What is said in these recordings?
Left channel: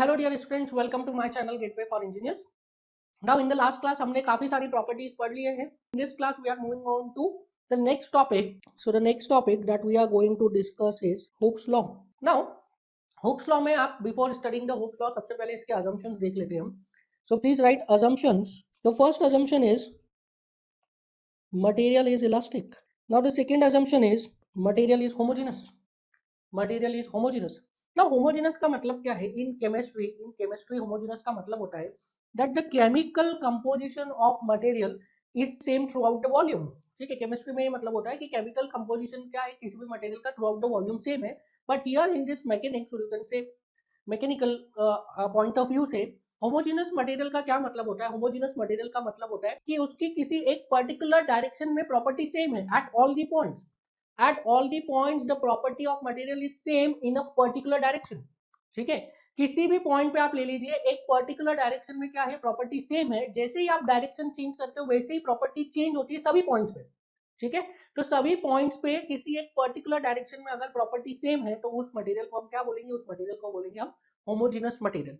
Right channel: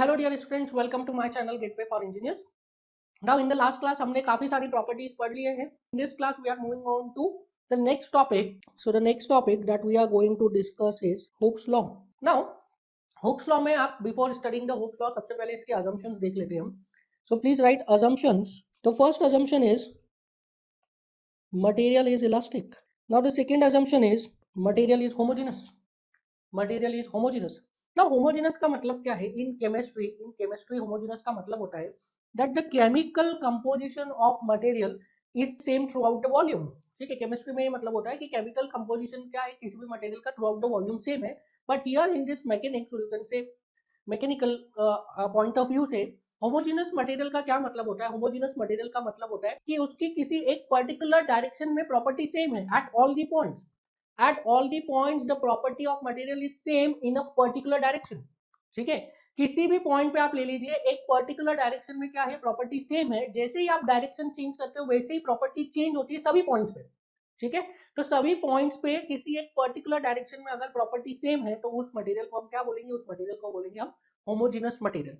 Hello dear students, welcome to my channel Gateway for Engineers. Now in the last class हमने काफी सारी properties पढ़ लिए हैं। In this class we are moving on to the next topic. So the next topic that we are going to discuss is Hooke's law. Now Hooke's law में आप before studying the Hooke's law सबसे पहले इसके assumptions देख लेते हैं हम. So please write assumptions. The first assumption is material is elastic. Now the second assumption is material is homogeneous. Material is homogeneous. Now homogeneous का मतलब क्या है? In chemistry homogeneous का मतलब होता है that the chemical composition of material is same throughout the volume. ठीक है, केमिस्ट्री में ये मतलब होता है कि केमिकल कंपोजिशन क्या है किसी भी मटेरियल का throughout the volume same है. But here in this mechanics you can say mechanical point of view से होमोजेनस मटेरियल का क्या मतलब होता है? होमोजेनस मटेरियल का मतलब होता है कि उसकी किसी एक पर्टिकुलर डायरेक्शन में प्रॉपर्टी सेम है at all the points. At all the points the property of material is same in a particular direction. ठीक है, किसी भी पॉइंट पे आप ले लीजिए, एक पर्टिकुलर डायरेक्शन में क्या है, प्रॉपर्टी सेम है. जैसे ही आप डायरेक्शन चेंज करते हो वैसे ही प्रॉपर्टी चेंज होती है सभी पॉइंट्स पे. ठीक है, तो सभी पॉइंट्स पे किसी एक पर्टिकुलर डायरेक्शन में अगर प्रॉपर्टी सेम है तो उस मटेरियल को हम क्या बोलेंगे? उस मटेरियल को बोलेंगे हम होमोजेनस मटेरियल.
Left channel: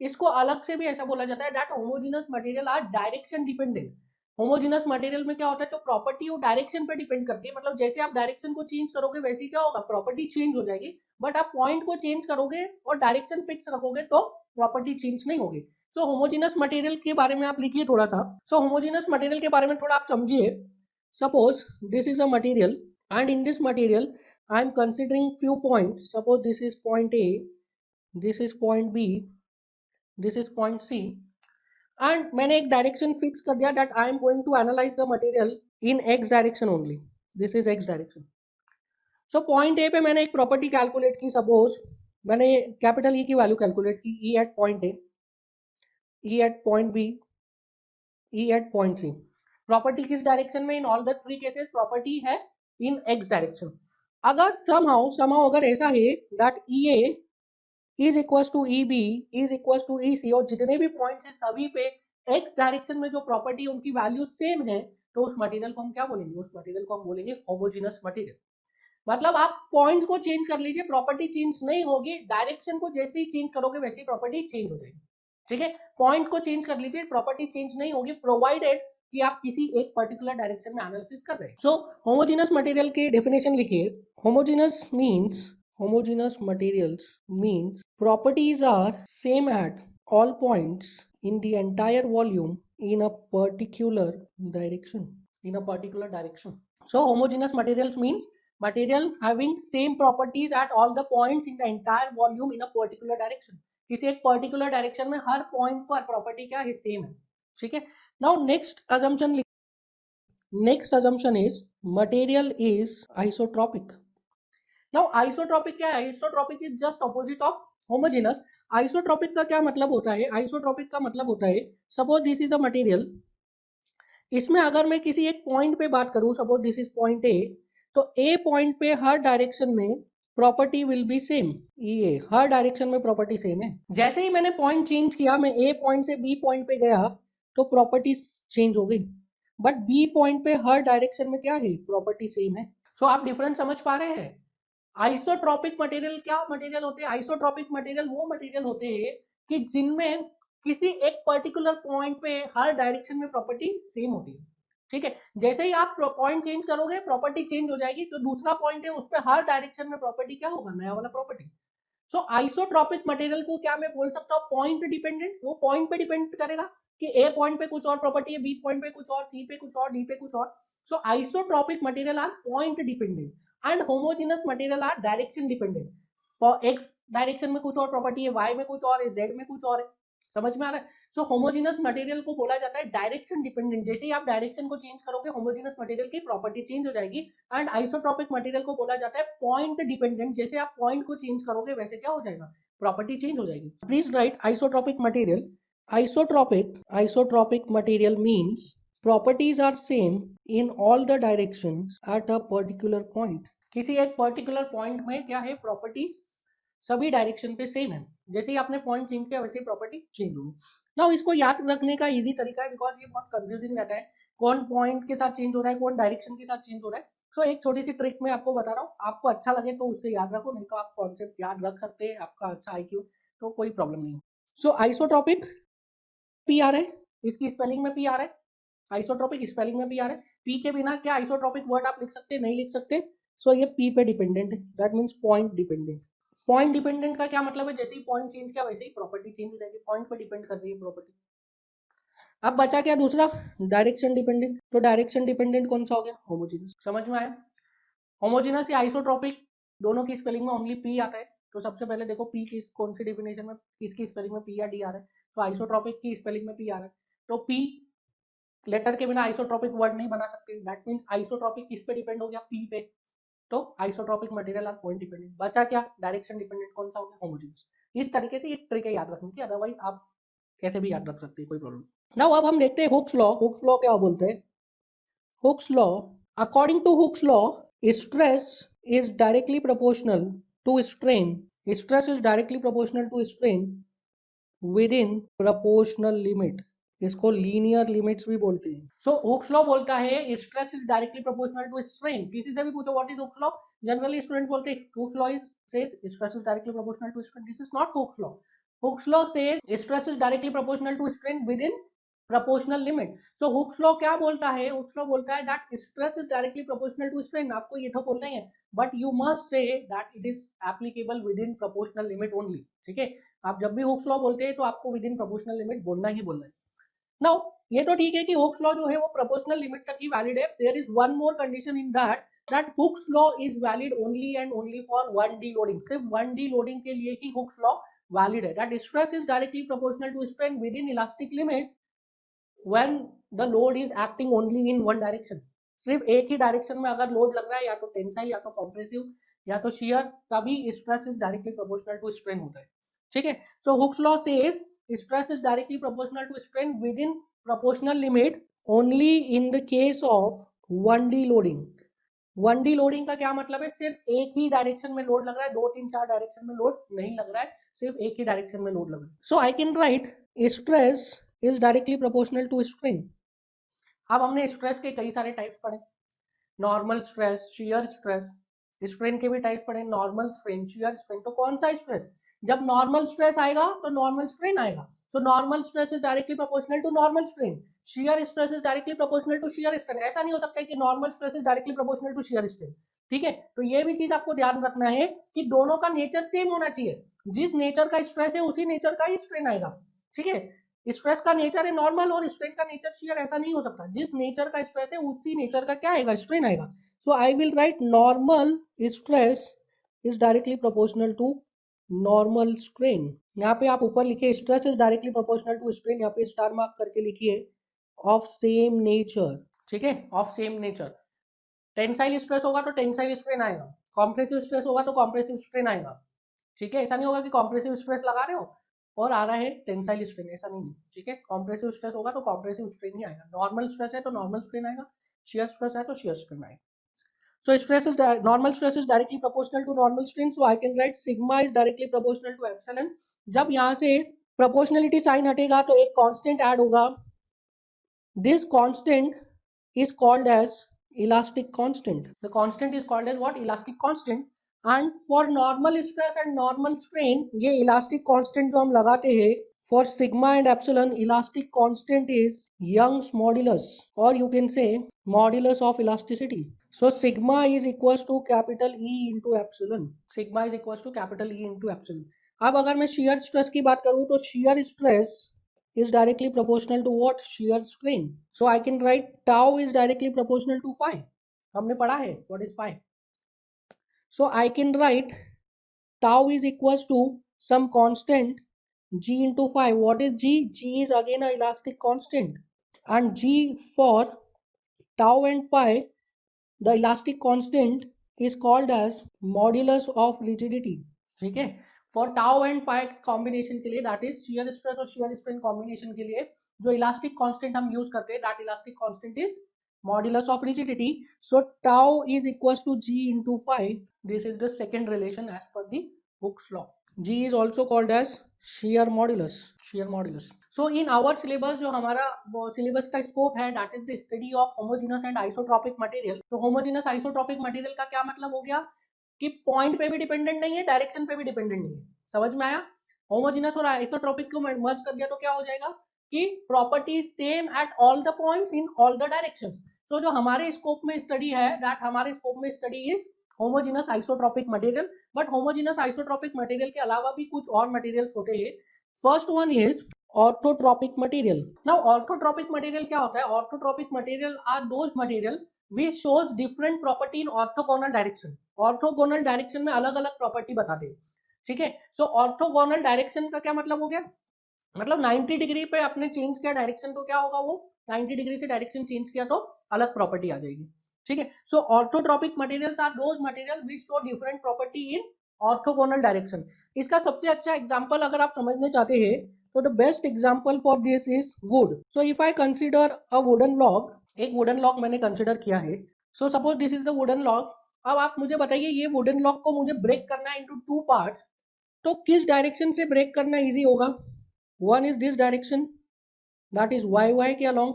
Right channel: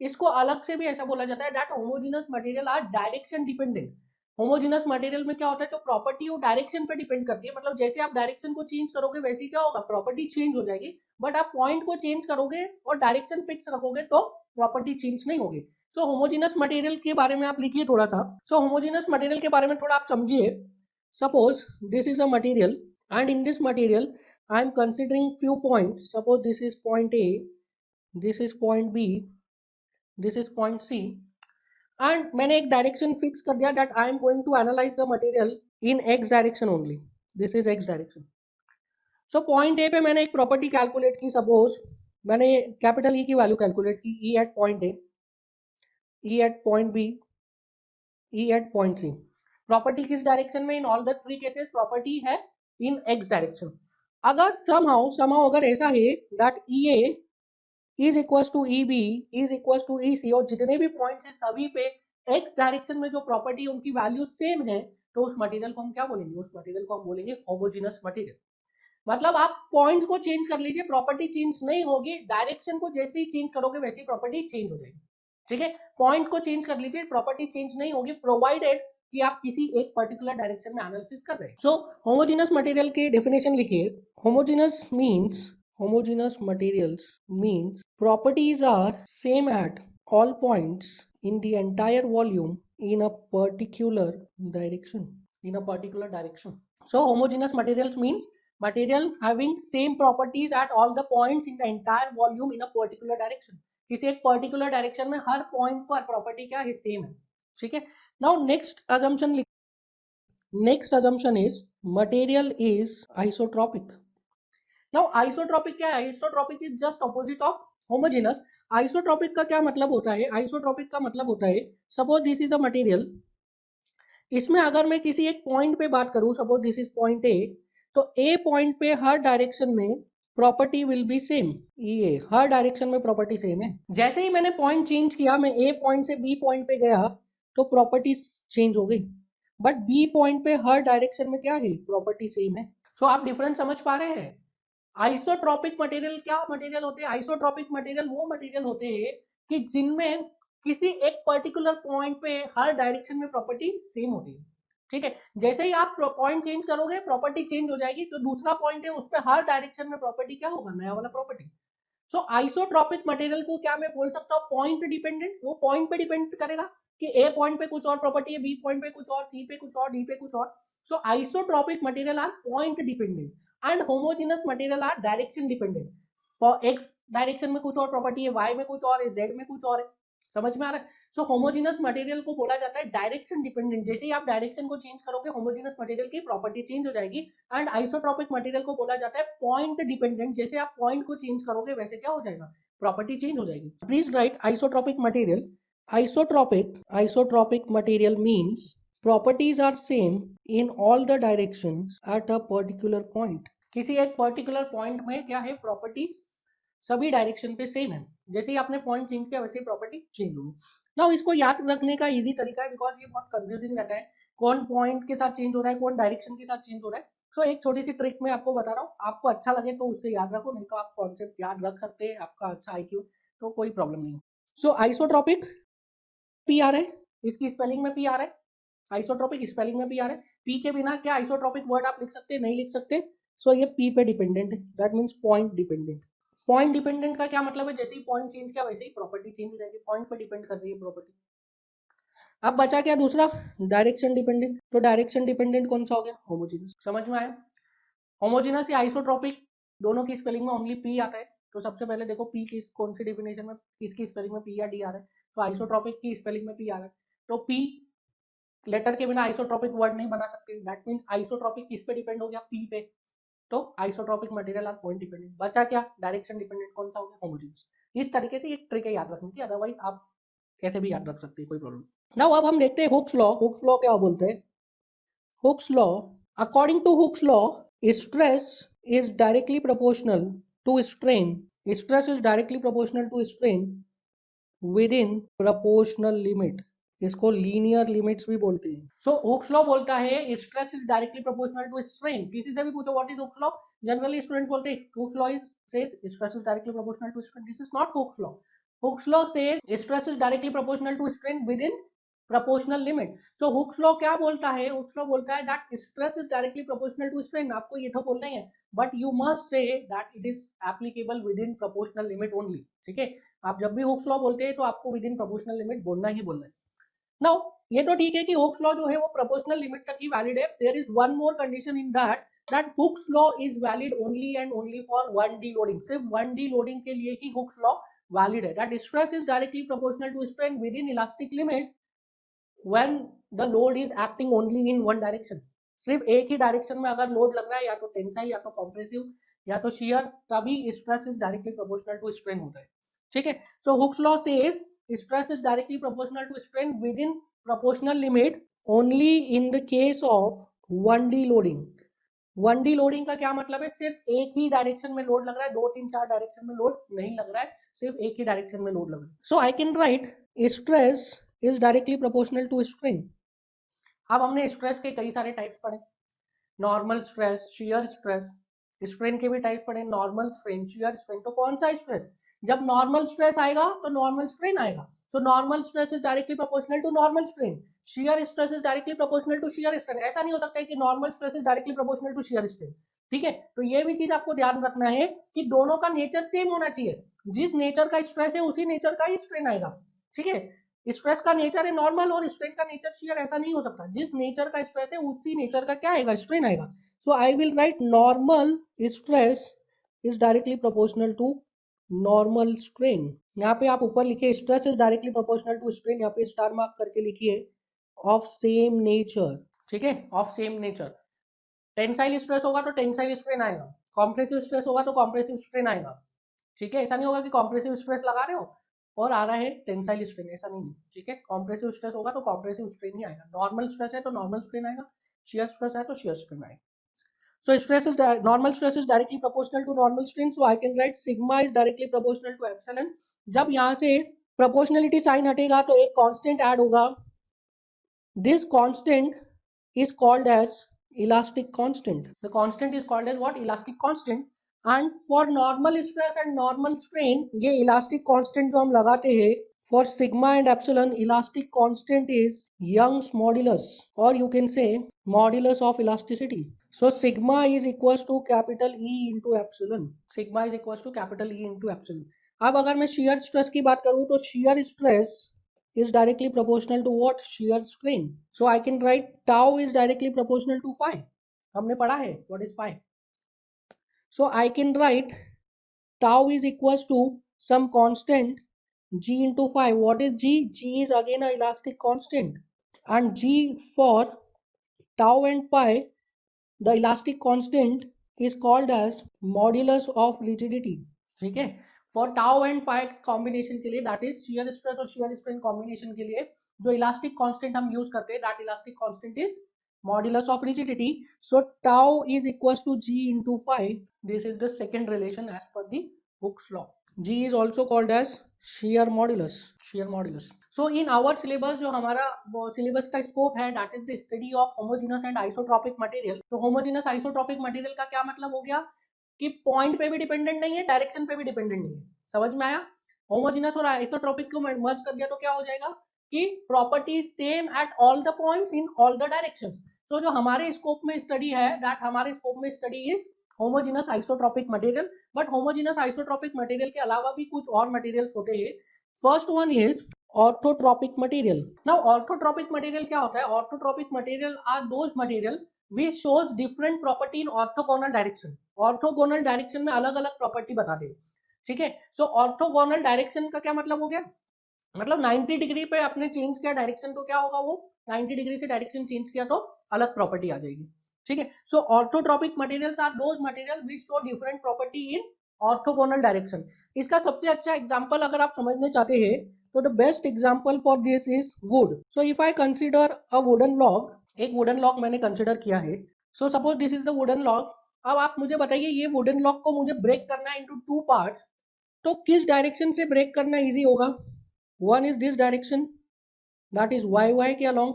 इसको अलग से भी ऐसा बोला जाता है that homogeneous material are direction dependent. Homogeneous material में क्या होता है, जो प्रॉपर्टी वो डायरेक्शन पे डिपेंड करती है. मतलब जैसे आप डायरेक्शन को चेंज करोगे वैसे ही क्या होगा, प्रॉपर्टी चेंज हो जाएगी. बट आप पॉइंट को चेंज करोगे और डायरेक्शन फिक्स रखोगे तो प्रॉपर्टी चेंज नहीं होगी. सो होमोजेनस मटेरियल के बारे में आप लिखिए थोड़ा सा. सो होमोजेनस मटेरियल के बारे में थोड़ा आप समझिए. Suppose this is a material and in this material I am considering few point. Suppose this is point A, this is point B, this is point C. And मैंने एक डायरेक्शन फिक्स कर दिया that I am going to analyse the material in x direction only. This is X direction. So point A पे मैंने एक property calculate की. Suppose मैंने capital E की वैल्यू कैलकुलेट की, E at point A, E at point B, E at point C. Property किस direction में? In all the three cases property है इन एक्स डायरेक्शन. अगर somehow अगर ऐसा है that E A is equal to E B is equal to E C और जितने भी पॉइंट्स हैं सभी पे एक्स डायरेक्शन में जो प्रॉपर्टी उनकी वैल्यू सेम है, तो उस मटेरियल को हम क्या बोलेंगे? उस मटेरियल को हम बोलेंगे होमोजेनस मटेरियल. मतलब आप पॉइंट्स को चेंज कर लीजिए, प्रॉपर्टी चेंज नहीं होगी. डायरेक्शन को जैसे ही चेंज करोगे वैसे ही प्रॉपर्टी चेंज हो जाएगी. ठीक है, पॉइंट को चेंज कर लीजिए, प्रॉपर्टी चेंज नहीं होगी प्रोवाइडेड कि आप किसी एक पर्टिकुलर डायरेक्शन में एनालिसिस कर रहे हैं. सो होमोजेनस मटेरियल की डेफिनेशन लिखिए. Homogeneous materials means properties are same at all points in the entire volume in a particular direction. In a particular direction. So homogeneous materials means material having same properties at all the points in the entire volume in a particular direction. किसी एक particular direction में हर point पर property क्या है? Same है. ठीक है. Now next assumption is material is isotropic. Now isotropic क्या है? Isotropic is just opposite of homogeneous. Isotropic का क्या मतलब होता है? Isotropic का मतलब होता है, suppose this is a material. इसमें अगर मैं किसी एक पॉइंट पे बात करूं, सपोज दिस इज पॉइंट ए, तो ए पॉइंट पे हर डायरेक्शन में प्रॉपर्टी विल बी सेम. ये हर डायरेक्शन में प्रॉपर्टी सेम है. जैसे ही मैंने पॉइंट चेंज किया, मैं ए पॉइंट से बी पॉइंट पे गया तो प्रॉपर्टी चेंज हो गई. बट बी पॉइंट पे हर डायरेक्शन में क्या है? प्रॉपर्टी सेम है. सो आप डिफरेंस समझ पा रहे हैं? आइसोट्रॉपिक मटेरियल क्या मटेरियल होते हैं? आइसोट्रॉपिक मटेरियल वो मटेरियल होते हैं कि जिनमें किसी एक पर्टिकुलर पॉइंट पे हर डायरेक्शन में प्रॉपर्टी सेम होती है. ठीक है, जैसे ही आप पॉइंट चेंज करोगे प्रॉपर्टी चेंज हो जाएगी. जो दूसरा पॉइंट है उस पर हर डायरेक्शन में प्रॉपर्टी क्या होगा? नया वाला प्रॉपर्टी. सो आइसोट्रॉपिक मटेरियल को क्या मैं बोल सकता हूँ? Point dependent. वो पॉइंट पे डिपेंड करेगा कि ए पॉइंट पे कुछ और प्रॉपर्टी है, बी पॉइंट पे कुछ और, सी पे कुछ और, डी पे कुछ और. So isotropic material are point dependent and homogeneous material are direction dependent. For X direction में कुछ और प्रॉपर्टी है, वाई में कुछ और है, जेड में कुछ और है. समझ में आ रहा है? सो होमोजेनस मटेरियल को बोला जाता है डायरेक्शन डिपेंडेंट. जैसे ही आप डायरेक्शन को चेंज करोगे होमोजेनस मटेरियल की प्रॉपर्टी चेंज हो जाएगी. एंड आइसोट्रॉपिक मटेरियल को बोला जाता है पॉइंट डिपेंडेंट. जैसे आप पॉइंट को चेंज करोगे वैसे क्या हो जाएगा? प्रॉपर्टी चेंज हो जाएगी. Please right isotropic material. Isotropic material means properties are same in all the directions at a particular point. किसी एक पर्टिकुलर पॉइंट में क्या है? प्रॉपर्टीज सभी डायरेक्शन पे सेम है. जैसे ही आपने पॉइंट चेंज किया वैसे ही प्रॉपर्टी चेंज होगी. नाउ इसको याद रखने का इजी तरीका है, बिकॉज ये बहुत कंफ्यूजिंग रहता है कौन पॉइंट के साथ चेंज हो रहा है, कौन डायरेक्शन के साथ चेंज हो रहा है. सो एक छोटी सी ट्रिक मैं आपको बता रहा हूँ, आपको अच्छा लगे तो उससे याद रखो, नहीं तो आप कॉन्सेप्ट याद रख सकते हैं. आपका अच्छा IQ तो कोई प्रॉब्लम नहीं। सो आइसोट्रॉपिक पी आ रहा है, इसकी स्पेलिंग में पी आ रहा है, आइसोट्रॉपिक स्पेलिंग में पी आ रहा है। पी के बिना क्या आइसोट्रॉपिक वर्ड आप लिख सकते नहीं लिख सकते। सो ये पी पे डिपेंडेंट है, that means point dependent. Point dependent का क्या मतलब है, जैसे ही पॉइंट चेंज किया वैसे ही प्रॉपर्टी चेंज हो जाएगी, पॉइंट पे डिपेंड कर रही है प्रॉपर्टी। अब बचा क्या दूसरा, डायरेक्शन डिपेंडेंट। तो डायरेक्शन डिपेंडेंट कौन सा हो गया, होमोजेनस। समझ में आया, होमोजेनस या आइसोट्रॉपिक दोनों की स्पेलिंग में ओनली पी आता है। तो सबसे पहले देखो पी की कौन सी डेफिनेशन में, किसकी स्पेलिंग में पी या डी आ रहा है, तो आइसोट्रॉपिक की स्पेलिंग में पी आ रहा है। तो पी लेटर के बिना आइसोट्रॉपिक वर्ड नहीं बना सकते, दैट मींस आइसोट्रॉपिक किस पे डिपेंड हो गया, पी पे। तो आइसोट्रॉपिक मटेरियल आप पॉइंट डिपेंडेंट। बचा क्या, डायरेक्शन डिपेंडेंट कौन सा हो गया, होमोजेनस। इस तरीके से एक ट्रिक है याद रखने की, अदरवाइज आप कैसे भी याद रख सकते हैं, कोई प्रॉब्लम। नाउ अब हम देखते हैं हुक्स लॉ। हुक्स लॉ क्या बोलते हैं, Hooke's law, according to Hooke's law, stress is directly proportional to strain. Stress is directly proportional to strain within proportional limit. इसको लीनियर लिमिट्स भी बोलते हैं। सो हुक्स लॉ बोलता है stress is directly proportional to strain. किसी से भी पूछो what is Hooke's law, generally students बोलते हैं Hooke's law is says stress is directly proportional to strain. This is not Hooke's law. Hooke's law says stress is directly proportional to strain within proportional limit. So Hooke's law क्या बोलता है, Hooke's law बोलता है that stress is directly proportional to strain। आपको ये तो बोलना ही है, but you must say that it is applicable within proportional limit only। ठीक है, आप जब भी Hooke's law बोलते हैं तो आपको within proportional limit बोलना ही बोलना है। Now ये तो ठीक है कि Hooke's law जो है वो proportional limit तक ही valid है। There is one more condition in that Hooke's law is valid only and only for 1D loading। सिर्फ 1D loading के लिए ही Hooke's law valid है। That stress is directly proportional to strain within elastic limit when the load is acting only in one direction। सिर्फ एक ही direction में अगर load लग रहा है, या तो टेंसाइल या तो कॉम्प्रेसिव या तो शियर, तभी stress is directly proportional to strain होता है। ठीक है, so Hooke's law says stress is directly proportional to strain within proportional limit only in the case of 1D loading. 1D loading का क्या मतलब है, सिर्फ एक ही डायरेक्शन में लोड लग रहा है, 2 3 4 डायरेक्शन में लोड नहीं लग रहा है, सिर्फ एक ही डायरेक्शन में लोड लग रहा है। So I can write stress is directly proportional to strain. अब हमने स्ट्रेस के कई सारे टाइप्स पढ़े, normal stress, shear stress, strain के भी टाइप पढ़े, नॉर्मल स्ट्रेन, शियर स्ट्रेन। तो कौन सा स्ट्रेस, जब नॉर्मल स्ट्रेस आएगा तो नॉर्मल स्ट्रेन आएगा। So normal stress is directly proportional to normal strain, shear stress is directly proportional to shear strain. ऐसा नहीं हो सकता है कि normal stress is directly proportional to shear strain. ठीक है, तो ये भी चीज आपको ध्यान रखना है कि दोनों का नेचर सेम होना चाहिए। जिस नेचर का स्ट्रेस है उसी नेचर का ही स्ट्रेन आएगा। ठीक है, स्ट्रेस का नेचर है नॉर्मल और स्ट्रेन का नेचर शियर, ऐसा नहीं हो सकता। जिस नेचर का स्ट्रेस है उसी नेचर का क्या आएगा, स्ट्रेन आएगा। So I will write normal stress is directly proportional to normal strain. यहाँ पे आप ऊपर लिखिए stress is directly proportional to strain, यहाँ पे स्टार मार्क करके लिखिए ऑफ सेम नेचर। ठीक है, of same nature. Tensile stress होगा तो टेंसाइल स्ट्रेन आएगा, कॉम्प्रेसिव स्ट्रेस होगा तो कॉम्प्रेसिव स्ट्रेन आएगा। ठीक है, ऐसा नहीं होगा कि कॉम्प्रेसिव स्ट्रेस लगा रहे हो और आ रहा है टेंसाइल स्ट्रेन, ऐसा नहीं है। ठीक है, कॉम्प्रेसिव स्ट्रेस होगा तो कॉम्प्रेसिव स्ट्रेन ही आएगा, नॉर्मल स्ट्रेस है तो नॉर्मल स्ट्रेन आएगा, शियर स्ट्रेस है तो शियर स्ट्रेन आएगा। So stress is normal stress is directly proportional to normal strain, so I can write sigma is directly proportional to epsilon। जब यहाँ से proportionality sign हटेगा तो एक constant add होगा, this constant is called as elastic constant। The constant is called as what, elastic constant। And for normal stress and normal strain ये elastic constant जो हम लगाते हैं for sigma and epsilon, elastic constant is Young's modulus, or you can say modulus of elasticity। So sigma is equals to capital E into epsilon। Sigma is equals to capital E into epsilon। अब अगर मैं shear stress की बात करूं तो shear stress is directly proportional to what, shear strain। So I can write tau is directly proportional to phi। हमने पढ़ा है what is phi। So I can write tau is equals to some constant g into phi। What is g? G is again a elastic constant, and g for tau and phi, the elastic constant is called as modulus of rigidity। ठीक है, for tau and phi combination के लिए, that is shear stress और shear strain combination के लिए जो elastic constant हम use करते हैं, that elastic constant is modulus of rigidity। So tau is equals to g into phi। This is the second relation as per the Hooke's law। g is also called as shear modulus, shear modulus। So in our syllabus जो हमारा syllabus का scope है, that is the study of homogeneous and isotropic material। तो homogeneous isotropic material का क्या मतलब हो गया कि पॉइंट पे भी डिपेंडेंट नहीं है, डायरेक्शन पे भी डिपेंडेंट नहीं है। समझ में आया, होमोजेनस और आइसोट्रोपिक को मर्ज कर दिया तो क्या हो जाएगा कि property same at all the points in all the directions. तो जो हमारे स्कोप में स्टडी है, दैट हमारे स्कोप में study is homogeneous isotropic material. But homogeneous isotropic material के अलावा भी कुछ और मटेरियल्स होते हैं। First one is orthotropic material. Now orthotropic material क्या होता है? Orthotropic material are those material which shows different property in orthogonal direction। Orthogonal direction में अलग अलग प्रॉपर्टी बता दे, ठीक है। सो ऑर्थोगोनल डायरेक्शन का क्या मतलब हो गया? मतलब 90 डिग्री पे आपने चेंज किया डायरेक्शन तो क्या होगा, वो 90 डिग्री से डायरेक्शन चेंज किया तो अलग प्रॉपर्टी आ जाएगी, ठीक है। So orthotropic materials are those material which show different property in orthogonal direction. इसका सबसे अच्छा एग्जांपल अगर आप समझने चाहते हैं तो the best example for this is would. So if I consider a wooden log, एक वुडन लॉग मैंने कंसीडर किया है। सो suppose this is the wooden log. अब आप मुझे बताइए ये वुडन लॉग को मुझे ब्रेक करना है इनटू टू पार्ट्स, तो किस डायरेक्शन से ब्रेक करना इजी होगा? One is this direction, that is y के along.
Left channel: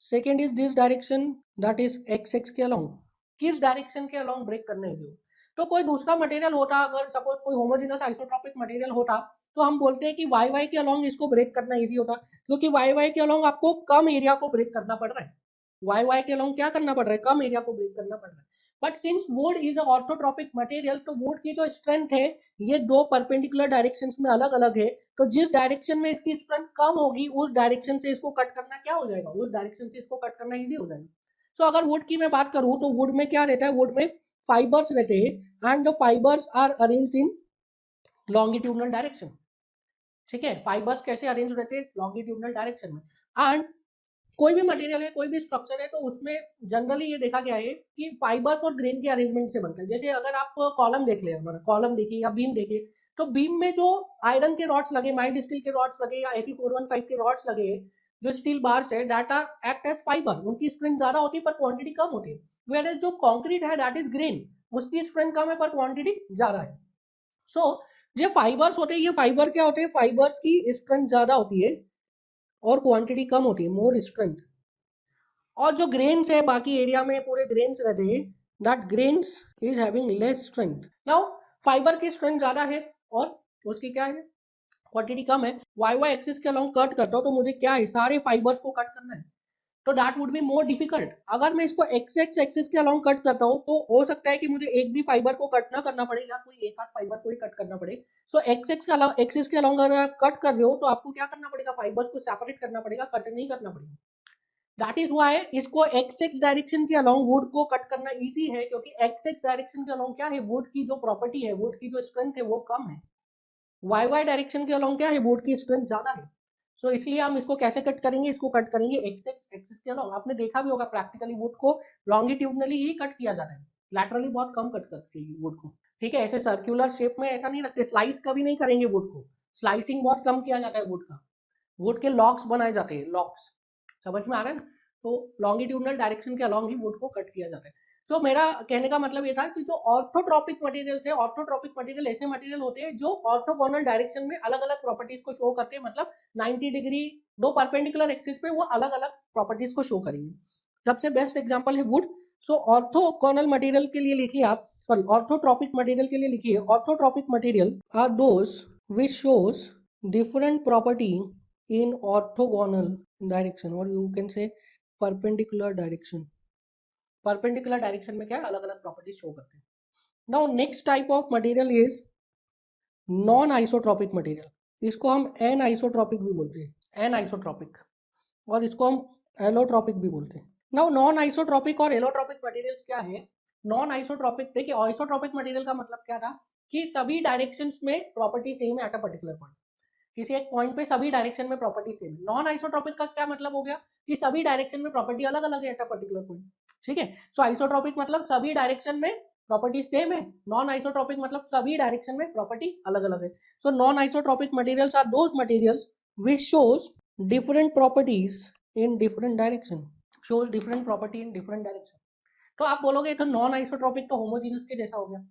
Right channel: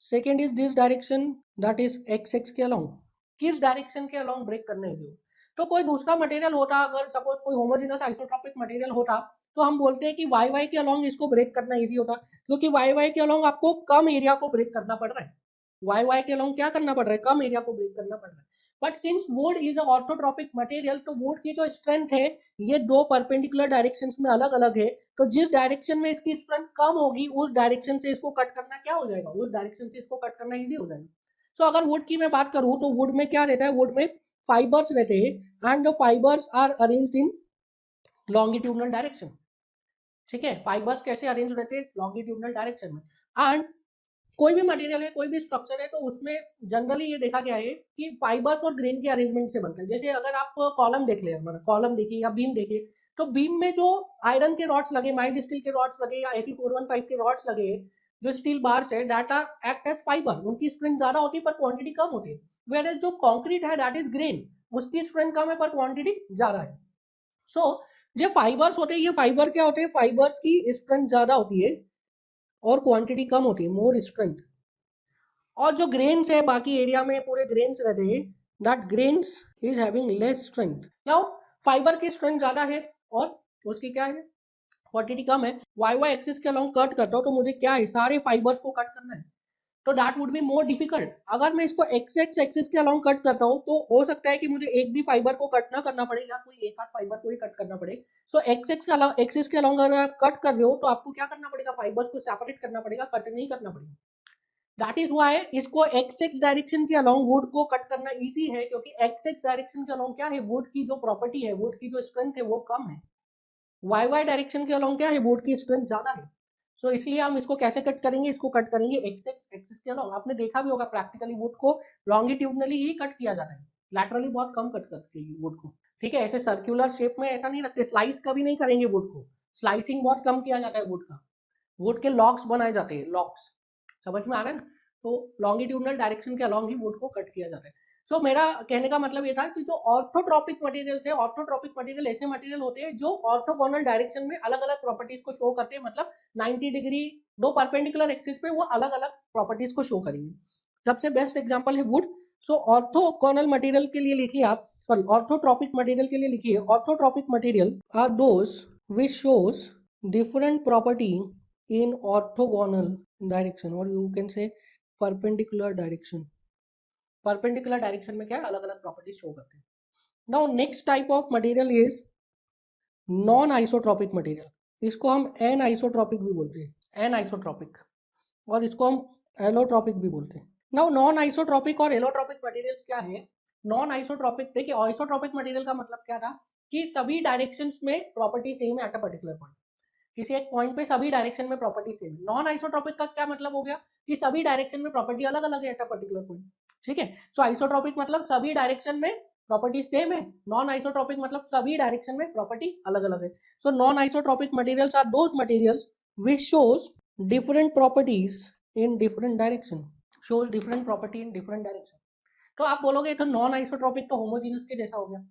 Second is this direction, that is x के along. किस डायरेक्शन के along ब्रेक करने के हो? तो कोई दूसरा मटेरियल होता, अगर सपोज कोई होमोजेनस आइसोट्रोपिक मटेरियल होता तो हम बोलते हैं कि y के along इसको ब्रेक करना इजी होता, क्योंकि y के along आपको कम एरिया को ब्रेक करना पड़ रहा है। y के along क्या करना पड़ रहा है? कम एरिया को ब्रेक करना पड़ रहा है। But since would is a orthotropic material, तो वुड की जो स्ट्रेंथ है ये दो परपेंडिकुलर डायरेक्शंस में अलग अलग है। तो जिस डायरेक्शन में इसकी स्ट्रेंथ कम होगी उस डायरेक्शन से इसको कट करना क्या हो जाएगा? उस डायरेक्शन से इसको कट करना इजी हो जाएगा। सो अगर वुड की मैं बात करूं तो वुड में क्या रहता है? वुड में फाइबर्स रहते हैं and the fibres are arranged in longitudinal direction, ठीक है। फाइबर्स कैसे अरेंज रहते हैं? लॉन्गिट्यूडनल डायरेक्शन में। एंड कोई भी मटेरियल है, कोई भी स्ट्रक्चर है, तो उसमें जनरली ये देखा गया है कि फाइबर्स और ग्रेन के अरेंजमेंट से बनता है। जैसे अगर आप कॉलम देख ले, कॉलम देखिए या बीम देखिए, तो बीम में जो आयरन के रॉड्स लगे, माइल्ड स्टील के रॉड्स लगे या 8415 के रॉड्स लगे, जो स्टील बार्स है that are act as fibre, उनकी स्ट्रेंथ ज्यादा होती है पर क्वांटिटी कम होती है। वेयर जो कंक्रीट है दैट इज ग्रेन, उसकी स्ट्रेंथ कम है पर क्वांटिटी ज्यादा है। सो ये फाइबर्स होते हैं, ये फाइबर क्या होते हैं? फाइबर्स की स्ट्रेंथ ज्यादा होती है और क्वांटिटी कम होती है, मोर स्ट्रेंथ। और जो ग्रेन्स है बाकी एरिया में पूरे ग्रेन्स रहते हैं, that grains is having less strength. Now fibre की स्ट्रेंथ ज्यादा है और उसकी क्या है? क्वांटिटी कम है। वाई वाई एक्सिस के अलोंग कट करता हूँ तो मुझे क्या है? सारे फाइबर्स को कट करना है, तो that would be more difficult. अगर मैं इसको एक्स एक्स एक्सिस के अलोंग कट करता हूँ तो हो सकता है कि मुझे एक भी फाइबर को कट ना करना पड़े या कोई एक आध फाइबर को ही कट करना पड़े। सो एक्स एक्स के अलावा एक्सिस के अलोंग अगर आप कट कर रहे हो तो आपको क्या करना पड़ेगा? फाइबर्स को सेपरेट करना पड़ेगा, कट नहीं करना पड़ेगा। दैट इज वाई इसको एक्स एक्स डायरेक्शन के अलोंग वुड को कट करना इजी है, क्योंकि एक्स एक्स डायरेक्शन के अलोंग क्या है? वुड की जो प्रॉपर्टी है, वुड की जो स्ट्रेंथ है वो कम है। वाई वाई डायरेक्शन के अलोंग क्या है? वुड की स्ट्रेंथ ज्यादा है। सो इसलिए हम इसको कैसे कट करेंगे? इसको कट करेंगे एक्स एक्स एक्सिस के अलोंग। आपने देखा भी होगा प्रैक्टिकली वुड को लॉन्गिट्यूडनली ही कट किया जाता है, लैटरली बहुत कम कट करते हैं वुड को, ठीक है। ऐसे सर्कुलर शेप में ऐसा नहीं रखते, स्लाइस कभी नहीं करेंगे वुड को, स्लाइसिंग बहुत कम किया जाता है वुड का। वुड के लॉक्स बनाए जाते हैं, लॉक्स, समझ में आ रहा है? तो लॉन्गिट्यूडनल डायरेक्शन के अलोंग ही वुड को कट किया जाता है। सो मेरा कहने का मतलब ये था कि जो ऑर्थोट्रोपिक मटेरियल्स है, ऑर्थोट्रोपिक मटेरियल ऐसे मटेरियल होते हैं जो ऑर्थोगोनल डायरेक्शन में अलग अलग प्रॉपर्टीज को शो करते हैं, मतलब 90 डिग्री दो परपेंडिकुलर एक्सिस पे वो अलग अलग प्रॉपर्टीज को शो करेंगे। सबसे बेस्ट एग्जांपल है वुड। सो ऑर्थोगोनल मटेरियल के लिए लिखिए आप, सॉरी ऑर्थोट्रोपिक मटेरियल के लिए लिखिए, orthotropic material are those which shows different property in orthogonal direction, or you can say perpendicular direction। perpendicular direction में क्या है? अलग अलग प्रॉपर्टीज शो करते हैं। Now next type of material is non isotropic material. इसको हम एन आइसोट्रोपिक भी बोलते हैं, एन आइसोट्रोपिक, और इसको हम एलोट्रोपिक भी बोलते हैं। नाउ नॉन आइसोट्रोपिक और एलोट्रोपिक मटेरियल्स क्या है? नॉन आइसोट्रोपिक, देखिए आइसोट्रोपिक मटेरियल का मतलब क्या था कि सभी डायरेक्शंस में प्रॉपर्टी सेम है एट अ पर्टिकुलर पॉइंट, किसी एक पॉइंट पे सभी डायरेक्शन में प्रॉपर्टी सेम है। नॉन आइसोट्रोपिक का क्या मतलब हो गया? कि सभी डायरेक्शन में प्रॉपर्टी अलग अलग है एट अ पर्टिकुलर पॉइंट, ठीक है। सो आइसोट्रोपिक मतलब सभी डायरेक्शन में प्रॉपर्टी सेम है, नॉन आइसोट्रोपिक मतलब सभी डायरेक्शन में प्रॉपर्टी अलग अलग है। So non isotropic materials are those materials which shows different properties in different direction, shows different property in different direction। तो आप बोलोगे तो नॉन आइसोट्रोपिक तो होमोजेनस के जैसा हो गया।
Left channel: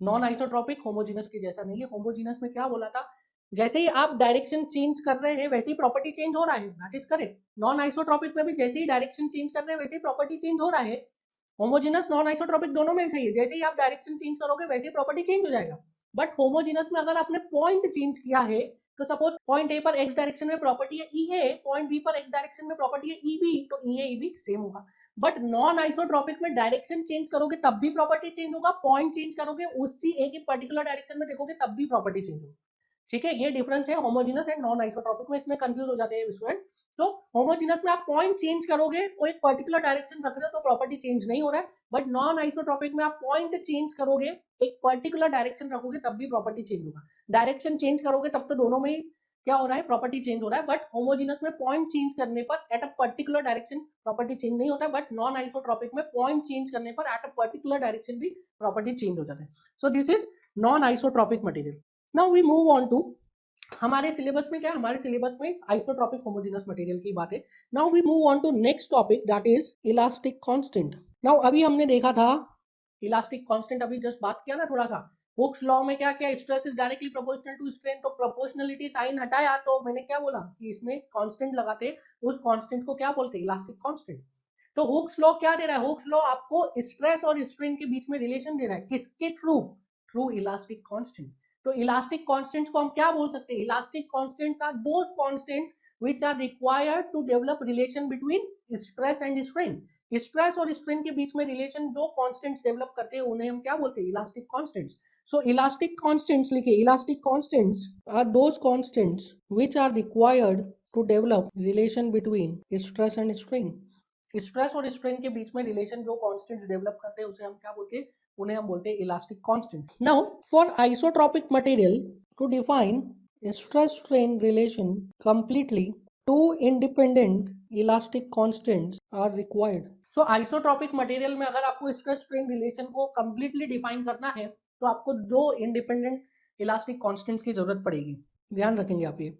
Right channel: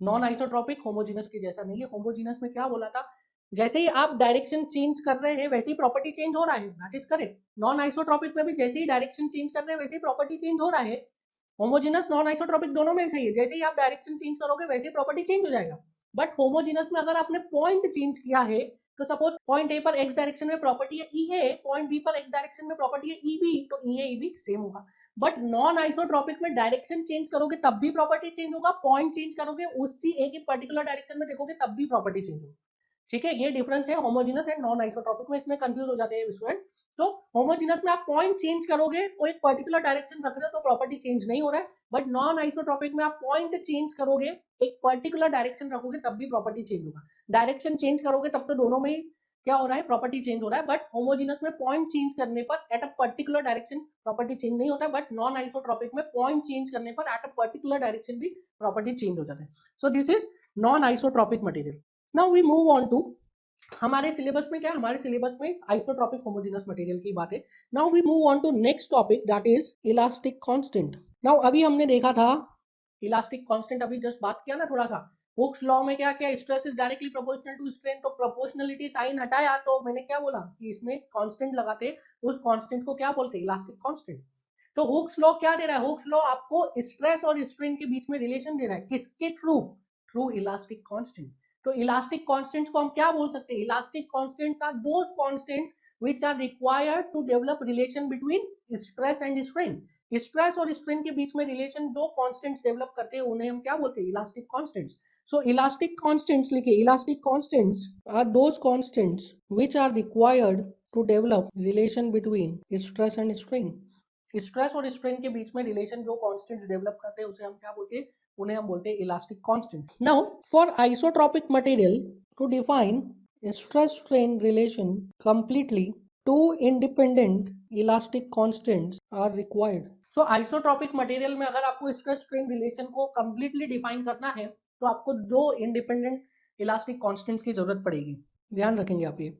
नॉन आइसोट्रोपिक होमोजेनस के जैसा नहीं है। होमोजेनस में क्या बोला था? जैसे ही आप डायरेक्शन चेंज कर रहे हैं वैसे ही प्रॉपर्टी चेंज हो रहा है, that is correct. Non isotropic में भी जैसे ही डायरेक्शन चेंज कर रहे हैं वैसे ही प्रॉपर्टी चेंज हो रहा है। होमोजेनस नॉन आइसोट्रोपिक दोनों में सही है, जैसे ही आप डायरेक्शन चेंज करोगे वैसे ही प्रॉपर्टी चेंज हो जाएगा। बट होमोजेनस में अगर आपने पॉइंट चेंज किया है, तो सपोज पॉइंट ए पर एक्स डायरेक्शन में प्रॉपर्टी है ई है, पॉइंट बी पर एक्स डायरेक्शन में प्रॉपर्टी है ई बी, तो ई ए ई बी सेम होगा। बट नॉन आइसोट्रॉपिक में डायरेक्शन चेंज करोगे तब भी प्रॉपर्टी चेंज होगा, पॉइंट चेंज करोगे उसी एक ही पर्टिकुलर डायरेक्शन में देखोगे तब भी प्रॉपर्टी चेंज होगी। ठीक है, ये डिफरेंस है होमोजेनस एंड नॉन आइसोट्रॉपिक में, इसमें कंफ्यूज हो जाते हैं स्टूडेंट। तो होमोजेनस में आप पॉइंट चेंज करोगे तो एक पर्टिकुलर डायरेक्शन रख रहे हो तो प्रॉपर्टी चेंज नहीं हो रहा है, बट नॉन आइसोट्रॉपिक में आप पॉइंट चेंज करोगे, एक पर्टिकुलर डायरेक्शन रखोगे तब भी प्रॉपर्टी चेंज होगा। डायरेक्शन चेंज करोगे तब तो दोनों में क्या हो रहा है, प्रॉपर्टी चेंज हो रहा है, बट होमोजेनस में पॉइंट चेंज करने पर at a particular direction property change नहीं होता है, बट नॉन आइसोट्रॉपिक में पॉइंट चेंज करने पर एट अ पर्टिकुलर डायरेक्शन भी प्रॉपर्टी चेंज हो जाता है। So this is non isotropic material. Now we move on to, हमारे सिलेबस में क्या है, हमारे सिलेबस में आइसोट्रॉपिक होमोजेनस मटेरियल की बात है। Now we move on to next topic that is elastic constant. Now अभी हमने देखा था इलास्टिक कांस्टेंट, अभी जस्ट बात किया ना थोड़ा सा, हुक्स लॉ में क्या किया, stress is directly proportional to strain, तो प्रोपोर्शनलिटी साइन हटाया तो मैंने क्या बोला कि इसमें कांस्टेंट लगाते, उस कांस्टेंट को क्या बोलते हैं, इलास्टिक कांस्टेंट। तो हुक्स लॉ क्या दे रहा है, हुक्स लॉ आपको स्ट्रेस और स्ट्रेन के बीच में रिलेशन दे रहा है, किसके थ्रू, थ्रू इलास्टिक कांस्टेंट। तो इलास्टिक कांस्टेंट्स को हम क्या बोल सकते हैं, elastic constants are those constants which are required to develop relation between stress and strain. Stress और स्ट्रेन के बीच में रिलेशन जो कांस्टेंट्स डेवलप करते हैं उन्हें हम क्या बोलते हैं, elastic constants. So elastic constants लिखिए, elastic constants are those constants which are required to develop relation between stress and strain. Stress और स्ट्रेन के बीच में रिलेशन जो कांस्टेंट्स डेवलप करते हैं उसे हम क्या बोलते हैं, उन्हें हम बोलते हैं elastic constant. Now for isotropic material to define stress strain relation completely, two independent elastic constants are required. So isotropic material में अगर आपको stress strain relation को completely define करना है तो आपको दो independent elastic constants की जरूरत पड़ेगी, ध्यान रखेंगे आप ये।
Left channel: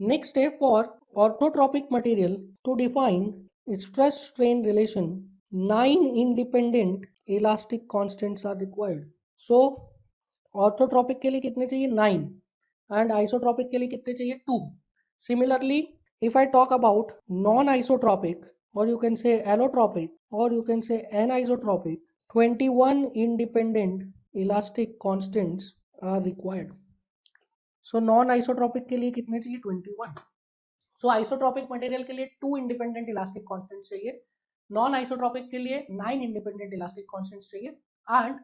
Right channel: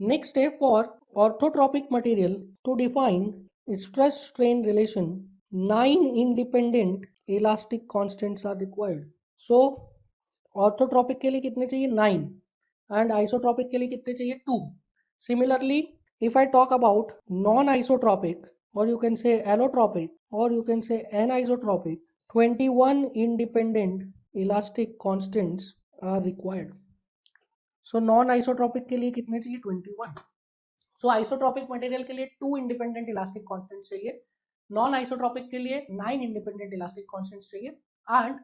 Next step for orthotropic material to define stress strain relation, 9 independent elastic constants are required. So orthotropic के लिए कितने चाहिए, 9, एंड आइसोट्रोपिक के लिए कितने चाहिए, 2। Similarly if I talk about non isotropic और यू कैन से एलोट्रोपिक और you can say anisotropic, 21 independent elastic constants are required. So non isotropic के लिए कितने चाहिए, 21। सो आइसोट्रोपिक मटेरियल के लिए 2 इंडिपेंडेंट इलास्टिक कांस्टेंट्स चाहिए, नॉन आइसोट्रोपिक के लिए 9 इंडिपेंडेंट इलास्टिक कांस्टेंट्स चाहिए, एंड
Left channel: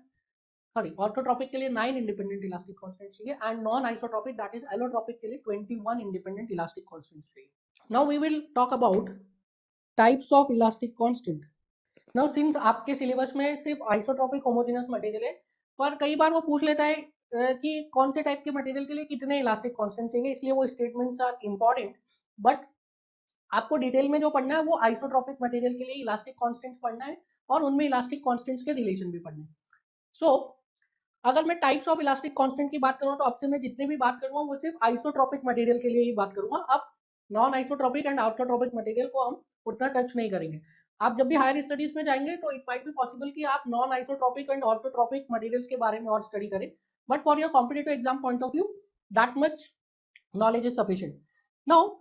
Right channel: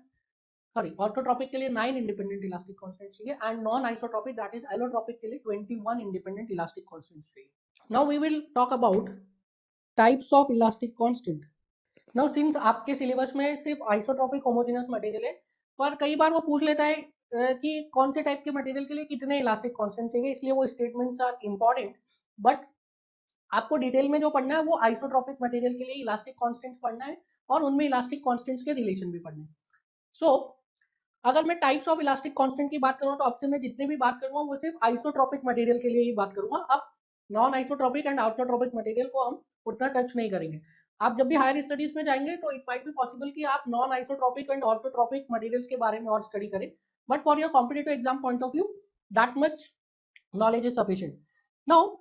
सॉरी ऑर्थोट्रोपिक के लिए 9 इंडिपेंडेंट इलास्टिक कांस्टेंट्स चाहिए, and non isotropic that is allotropic के लिए 21 इंडिपेंडेंट इलास्टिक कांस्टेंट्स चाहिए। Now we will talk about types of elastic constant. Now since आपके सिलेबस में सिर्फ आइसोट्रोपिक होमोजेनस मटेरियल है, पर कई बार वो पूछ लेता है कि कौन से टाइप के मटेरियल के लिए कितने इलास्टिक कांस्टेंट चाहिए, इसलिए वो स्टेटमेंट्स आर इंपॉर्टेंट। बट आपको डिटेल में जो पढ़ना है वो आइसोट्रोपिक मटेरियल के लिए इलास्टिक कांस्टेंट्स पढ़ना है और उनमें इलास्टिक कांस्टेंट्स के रिलेशन भी पढ़ना है। सो अगर मैं टाइप्स ऑफ इलास्टिक कांस्टेंट की बात करूँ तो आपसे मैं जितने भी बात करूंगा वो सिर्फ आइसोट्रोपिक मटेरियल के लिए ही बात करूंगा। अब non isotropic and orthotropic material को हम उतना टच नहीं करेंगे। आप जब भी हायर स्टडीज में जाएंगे तो इट माइट बी पॉसिबल कि आप non isotropic and orthotropic materials के बारे में और स्टडी करें, but for your competitive exam point of view that much knowledge is sufficient. Now,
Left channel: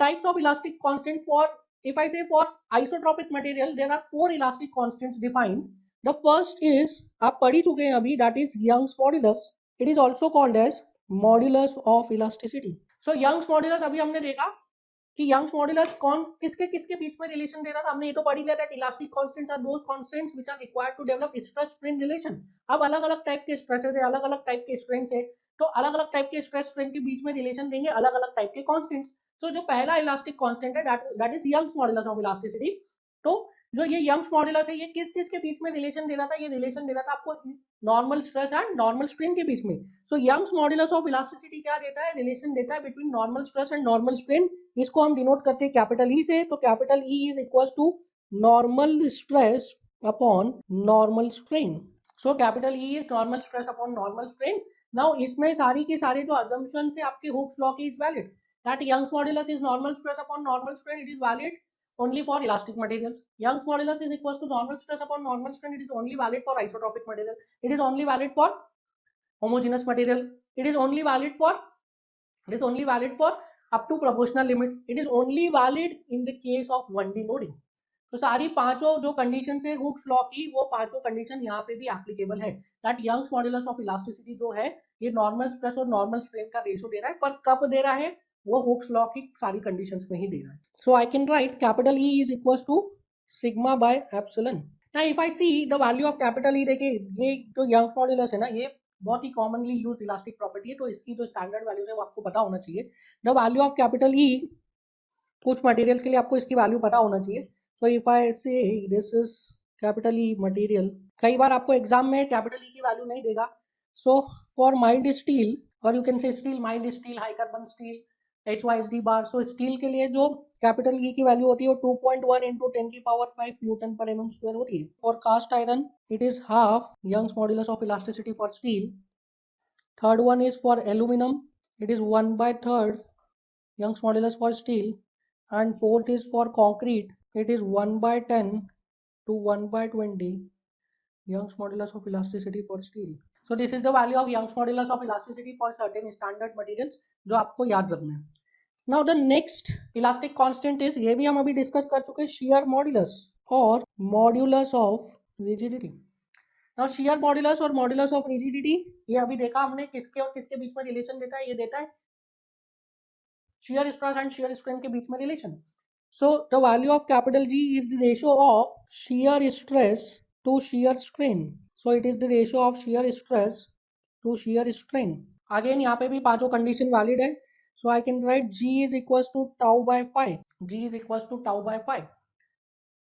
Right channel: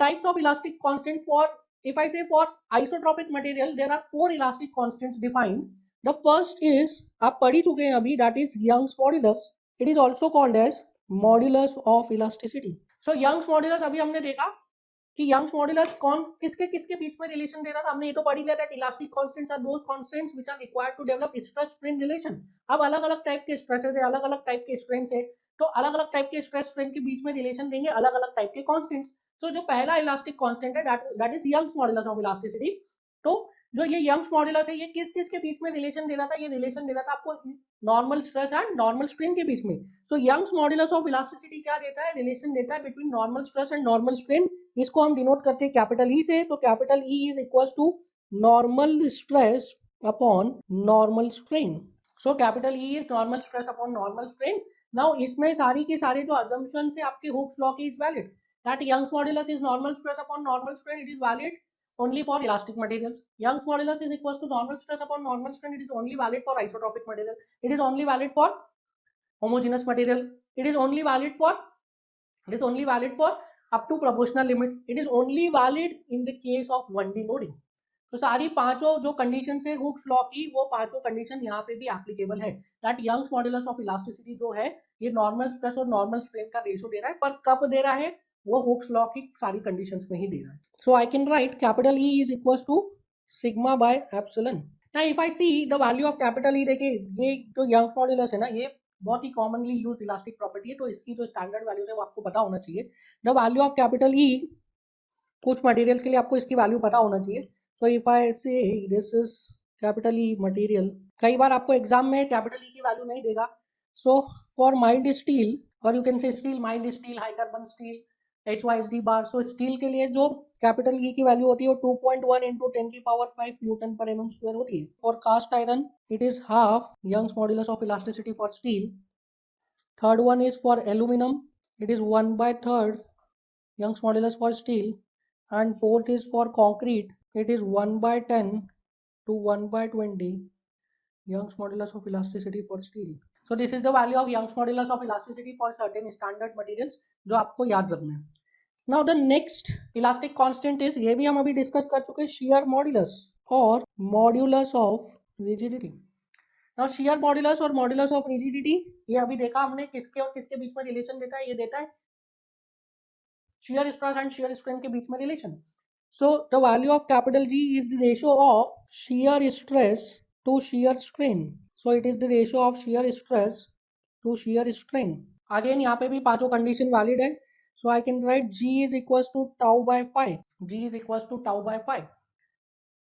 types of elastic constant for, if I say for isotropic material, there are 4 elastic constants defined. The first is, आप पढ़ ही चुके हैं अभी, that is Young's modulus. It is also called as modulus of elasticity. So Young's modulus अभी हमने देखा कि Young's modulus कौन किसके किसके बीच में रिलेशन दे रहा था, हमने ये तो पढ़ ही लिया था, elastic constants are those constants which are required to develop stress strain relation. अब अलग अलग टाइप के स्ट्रेसेस है, अलग अलग टाइप के स्ट्रेन्स है, तो अलग अलग टाइप के स्ट्रेस स्ट्रेन के बीच में रिलेशन देंगे अलग अलग टाइप के कांस्टेंट्स। सो जो पहला इलास्टिक कांस्टेंट है that is Young's modulus of elasticity. तो जो ये यंग्स मॉड्यूलस है ये किस किस के बीच में रिलेशन दे रहा था, ये रिलेशन दे रहा था आपको normal stress and normal strain के बीच में। So Young's modulus of elasticity क्या देता है, रिलेशन देता है between normal stress and normal strain. इसको हम डिनोट करते हैं कैपिटल ई से, तो capital E is equal to normal stress upon normal strain. So capital E is normal stress upon normal strain. Now इसमें सारी की सारी जो अजम्पशन है आपके हुक्स लॉ की is valid, that Young's modulus is normal stress upon normal strain, it is valid only for elastic materials. Young's modulus is equal to normal stress upon normal strain, it is only valid for isotropic material, it is only valid for homogeneous material, it is only valid for, it is only valid for up to proportional limit, it is only valid in the case of 1D loading. तो सारी पांचों जो condition है Hooke's law की वो पांचों condition यहाँ पे भी एप्लीकेबल है, that Young's modulus of elasticity जो है ये नॉर्मल स्ट्रेस और नॉर्मल स्ट्रेन का रेशियो दे रहा है, पर कब दे रहा है वो हुक्स लॉ की सारी कंडीशंस में ही दे रहा है. So I can write capital E is equal to sigma by epsilon. Now if I see the value of capital E, देखिए ये जो यंग मॉड्यूलस है ना, ये बहुत ही कॉमनली यूज इलास्टिक प्रॉपर्टी है, तो इसकी जो स्टैंडर्ड वैल्यूज है वो आपको पता होना चाहिए. The value of capital E, कुछ मटेरियल के लिए आपको इसकी वैल्यू पता होना चाहिए. सो इफ आई से this is capital E material, कई बार आपको एग्जाम में कैपिटल E की वैल्यू नहीं देगा. सो फॉर माइल्ड स्टील, और यू कैन से steel, mild steel, high carbon steel, HYSD बार. सो स्टील के लिए जो कैपिटल E की वैल्यू होती है वो 2.1 into 10 की पावर 5 न्यूटन पर mm स्क्वायर होती है. For cast iron it is half Young's modulus of elasticity for steel. Third one is for aluminium, it is 1/3 Young's modulus for steel. And fourth is for concrete, it is 1/10 to 1/20 Young's modulus of elasticity for steel. So this is the value of Young's modulus of elasticity for certain standard materials जो आपको याद रखना है. Now the next elastic constant is, ये भी हम अभी discuss कर चुके हैं, shear modulus और modulus of rigidity. Now shear modulus और modulus of rigidity ये अभी देखा हमने, किसके और किसके बीच में रिलेशन देता है, ये देता है shear stress and shear strain के बीच में relation. So the value of capital G is the ratio of shear stress to shear strain. So it is the ratio of shear stress to shear strain. Again यहाँ पे भी पांचों condition valid है. So I can write G is equals to tau by 5. G is equals to tau by 5.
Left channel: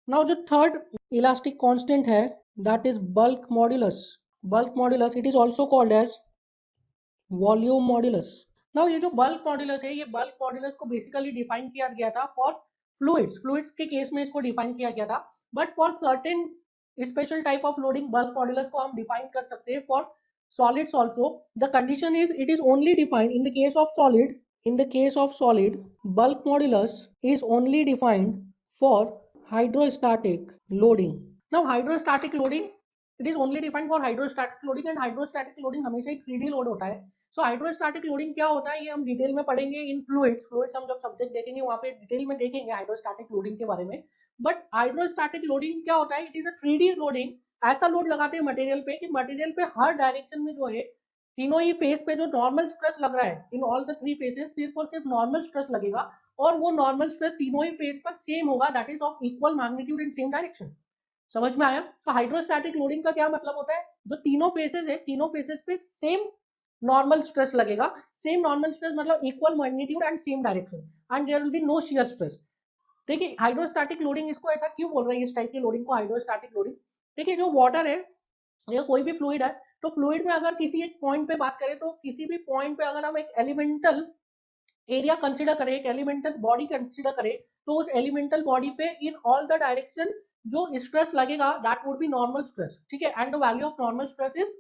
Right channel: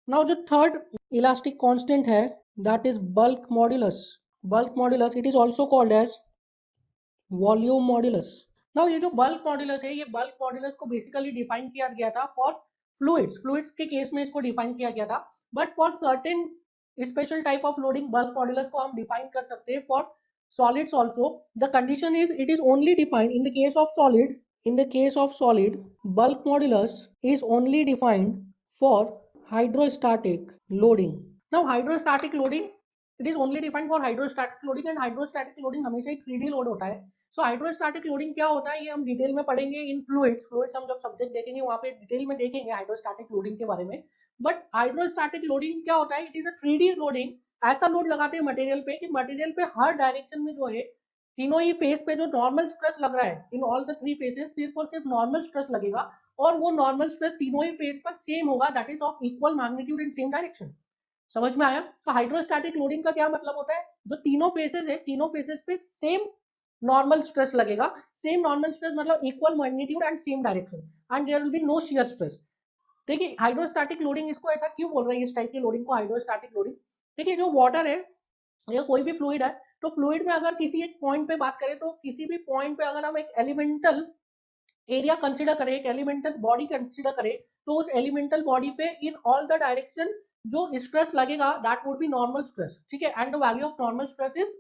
Now जो third elastic constant है, that is bulk modulus. Bulk modulus, it is also called as volume modulus. Now ये जो bulk modulus है, ये bulk modulus को basically define किया गया था फॉर फ्लूइड्स के केस में इसको डिफाइन किया गया था, but for certain special type of loading bulk modulus को हम डिफाइन कर सकते हैं for solids also. The condition is it is only defined in the case of solid. In the case of solid, bulk modulus is only defined for hydrostatic loading. Now hydrostatic loading, it is only defined for hydrostatic loading, and hydrostatic loading हमेशा एक 3D load होता है. सो hydrostatic loading क्या होता है ये हम detail में पढ़ेंगे इन फ्लूइड्स हम जब सब्जेक्ट देखेंगे वहां पे डिटेल में देखेंगे हाइड्रोस्टैटिक लोडिंग के बारे में. बट हाइड्रोस्टैटिक लोडिंग क्या होता है, it is a 3D loading. ऐसा लोड लगाते हैं मटेरियल पे कि मटेरियल पे हर डायरेक्शन में जो है तीनों ही फेस पे जो नॉर्मल स्ट्रेस लग रहा है, इन ऑल द थ्री फेसेस सिर्फ और सिर्फ नॉर्मल स्ट्रेस लगेगा, और वो नॉर्मल स्ट्रेस तीनों ही फेस पर सेम होगा, that is of equal magnitude in same direction. समझ में आया? तो हाइड्रोस्टैटिक लोडिंग का क्या मतलब होता है, जो तीनों फेसेस हैं तीनों फेसेस पे सेम नॉर्मल स्ट्रेस लगेगा. सेम नॉर्मल स्ट्रेस मतलब equal magnitude and same direction, and there will be no shear stress. देखिए हाइड्रोस्टैटिक लोडिंग इसको ऐसा क्यों बोल रहे हैं, इस टाइप की लोडिंग को हाइड्रोस्टैटिक लोडिंग. देखिए जो वाटर है या कोई भी फ्लूइड है, तो फ्लूइड में अगर किसी एक पॉइंट पे बात करें, तो किसी भी पॉइंट पे अगर हम एक एलिमेंटल एरिया कंसीडर करें, एक एलिमेंटल बॉडी कंसीडर करें, तो उस एलिमेंटल बॉडी पे इन ऑल द डायरेक्शन जो स्ट्रेस लगेगा that would be normal stress. ठीक है, and the value of normal stress is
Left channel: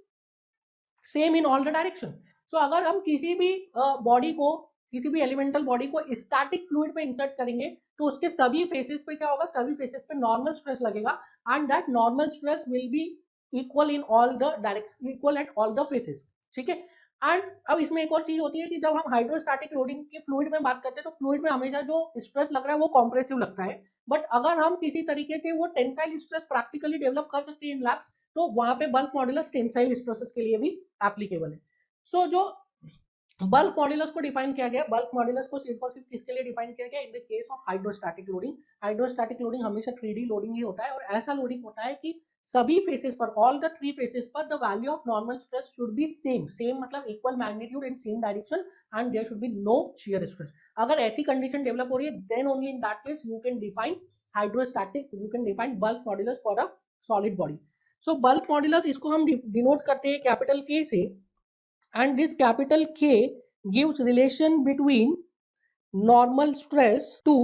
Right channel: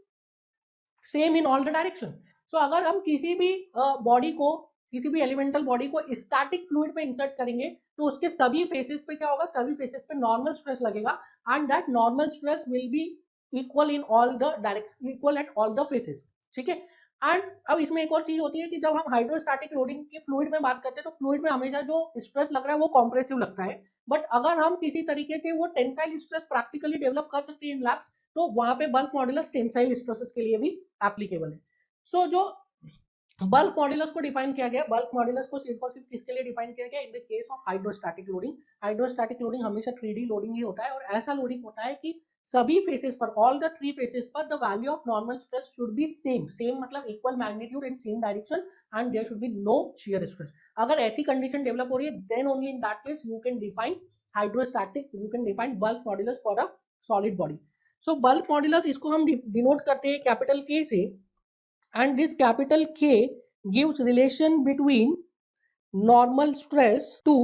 same in all the direction. So अगर हम किसी भी बॉडी को, किसी भी एलिमेंटल बॉडी को स्टैटिक फ्लूइड पे इंसर्ट करेंगे, तो उसके सभी फेसेस पे क्या होगा, सभी फेसेस पे नॉर्मल स्ट्रेस लगेगा, and that normal stress will be equal in all the direction, equal at all the faces. ठीक है. एंड अब इसमें एक और चीज होती है कि जब हम हाइड्रोस्टैटिक लोडिंग के फ्लूइड में बात करते हैं, तो फ्लूइड में हमेशा जो स्ट्रेस लग रहा है वो कॉम्प्रेसिव लगता है, बट अगर हम किसी तरीके से वो टेंसाइल स्ट्रेस प्रैक्टिकली डेवलप कर सकते हैं इन लैब्स, तो वहां पे बल्क मॉड्यूलस टेंसाइल स्ट्रेसेस के लिए भी एप्लीकेबल है. सो जो बल्क मॉड्यूलस को डिफाइन किया गया, बल्क मॉड्यूलस को सिर्फ और सिर्फ किसके लिए डिफाइन किया गया, इन the case of hydrostatic loading. Hydrostatic loading हमेशा 3D लोडिंग ही होता है, और ऐसा लोडिंग होता है कि सभी फेसेस पर, ऑल द थ्री फेसेस पर the value of normal stress should be same मतलब equal magnitude and same direction, and there should be no shear stress. अगर ऐसी कंडीशन डेवलप हो रही है, then only in that case you can define hydrostatic, you can define bulk modulus for a solid body. So bulk modulus इसको हम denote करते हैं capital K से, and this capital K gives relation between normal stress to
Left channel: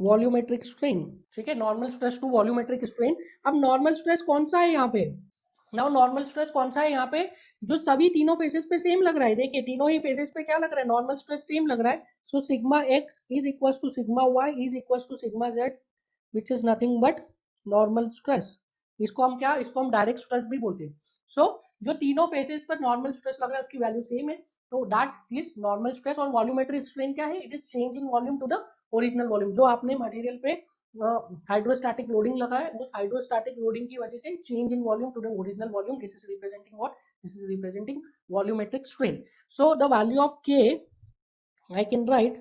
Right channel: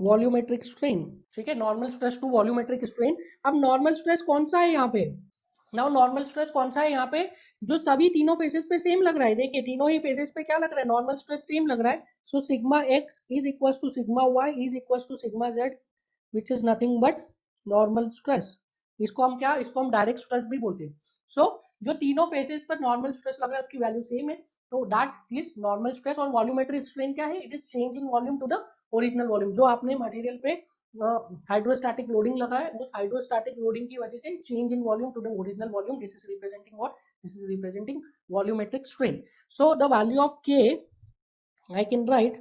volumetric strain. ठीक है, normal stress to volumetric strain. अब normal stress कौन सा है यहाँ पे, now normal stress कौन सा है यहाँ पे, जो सभी तीनों फेसेस पे सेम लग रहा है. देखिए तीनों ही फेसेस पे क्या लग रहा है, नॉर्मल स्ट्रेस सेम लग रहा है. So sigma x is equal to sigma y is equal to sigma z, which is nothing but normal stress. इसको हम क्या, इसको हम डायरेक्ट स्ट्रेस भी बोलते हैं. सो जो तीनों फेसेस पर नॉर्मल स्ट्रेस लग रहा है उसकी वैल्यू सेम है, तो दैट इज नॉर्मल स्ट्रेस. और वॉल्यूमेट्रिक स्ट्रेन क्या है, it is change in volume to the original volume. जो आपने मटेरियल पे हाइड्रोस्टैटिक लोडिंग लगा है, उस हाइड्रोस्टैटिक लोडिंग की वजह से change in volume to the original volume, this is representing what, this is representing volumetric strain. So the value of K I can write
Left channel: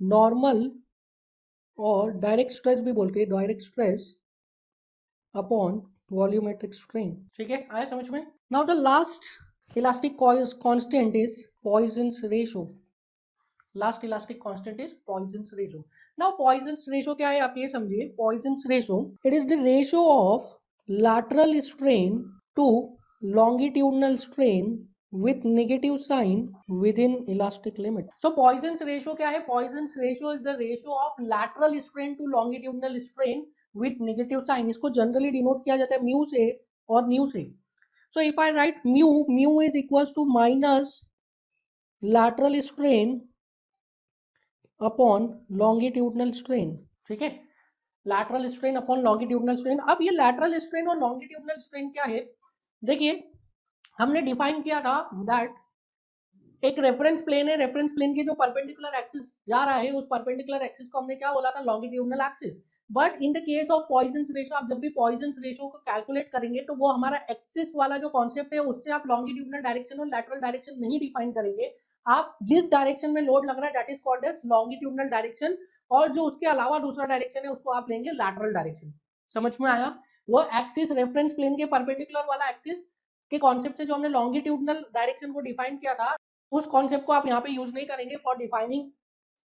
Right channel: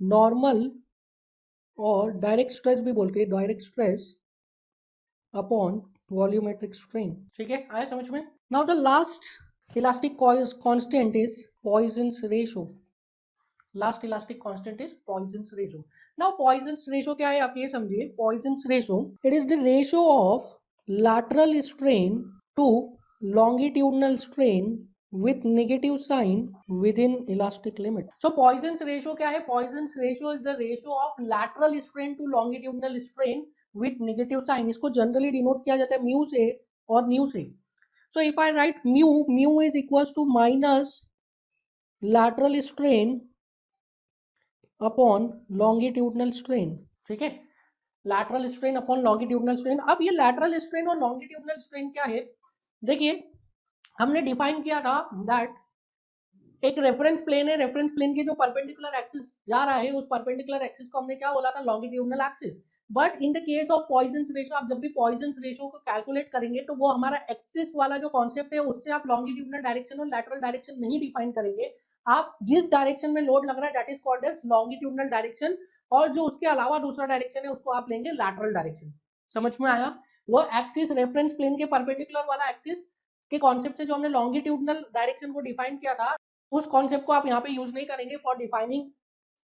normal और डायरेक्ट स्ट्रेस भी बोलते हैं, direct stress upon volumetric strain. ठीक है, आया समझ में. Now the last elastic constant is Poisson's ratio. Last elastic constant is Poisson's ratio. Now Poisson's ratio क्या है आप ये समझिए. Poisson's ratio it is the ratio of lateral strain to longitudinal strain with negative sign within elastic limit. So Poisson's ratio क्या है? Poisson's ratio is the ratio of lateral strain to longitudinal strain with negative sign. इसको generally denote किया जाता है mu से और nu से. So if I write mu is equals to minus lateral strain upon longitudinal strain. ठीक है, lateral strain upon longitudinal strain. अब ये लैटरल स्ट्रेन और लॉन्गिट्यूडनल स्ट्रेन क्या है, देखिए हमने डिफाइन किया था दैट एक रेफरेंस प्लेन है, रेफरेंस प्लेन के जो परपेंडिकुलर एक्सिस जा रहा है उस परपेंडिकुलर एक्सिस को हमने क्या बोला था, longitudinal axis. But in the case of Poisson's ratio, आप जब भी पॉइजन्स रेशियो को कैलकुलेट करेंगे तो वो हमारा एक्सिस वाला जो कॉन्सेप्ट है उससे आप लॉन्गिट्यूडनल डायरेक्शन और लैटरल डायरेक्शन नहीं डिफाइन करेंगे. आप जिस डायरेक्शन में लोड लग रहा है that is called as longitudinal direction, और जो उसके अलावा दूसरा डायरेक्शन है उसको आप लेंगे लैटरल डायरेक्शन. समझ में आया. वो एक्सिस रेफरेंस प्लेन के परपेंडिकुलर वाला एक्सिस के कॉन्सेप्ट से जो हमने लॉन्गिट्यूडनल डायरेक्शन को डिफाइन किया था उस कॉन्सेप्ट को आप यहाँ पे यूज नहीं करेंगे for defining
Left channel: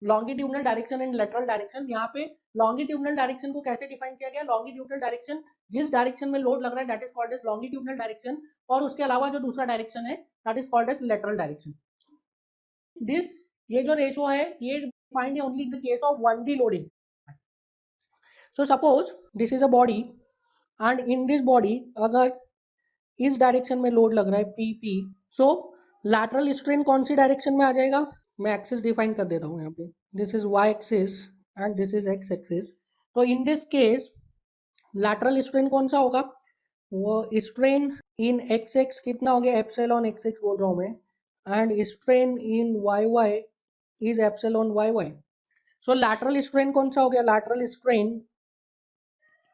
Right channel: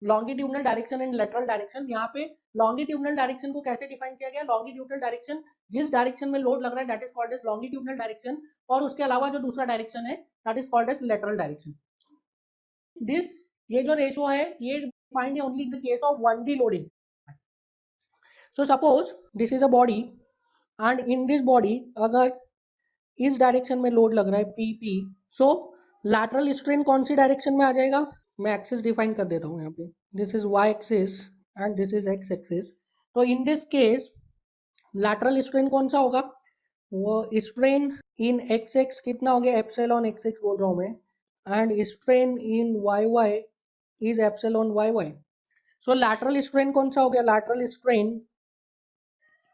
longitudinal direction and lateral direction. यहाँ पे लॉन्गिट्यूडनल डायरेक्शन को कैसे डिफाइन किया गया, लॉन्गिट्यूडनल डायरेक्शन जिस डायरेक्शन में लोड लग रहा है that is called as longitudinal direction, और उसके अलावा जो दूसरा डायरेक्शन है that is called as lateral direction. This ये जो रेशियो है ये डिफाइंड है only in the case of 1D loading. So suppose this is a body and in this body अगर इस डायरेक्शन में लोड लग रहा है PP, सो लैटरल स्ट्रेन कौन सी डायरेक्शन में आ जाएगा, मैं एक्सिस डिफाइन कर देता हूँ यहाँ पे. This is Y axis and this is X axis. तो in this case lateral strain कौन सा होगा, वो स्ट्रेन इन XX कितना हो गया, एप्सिलॉन XX बोल रहा हूँ मैं, and strain in YY is epsilon YY. So lateral strain कौन सा हो गया, लैटरल स्ट्रेन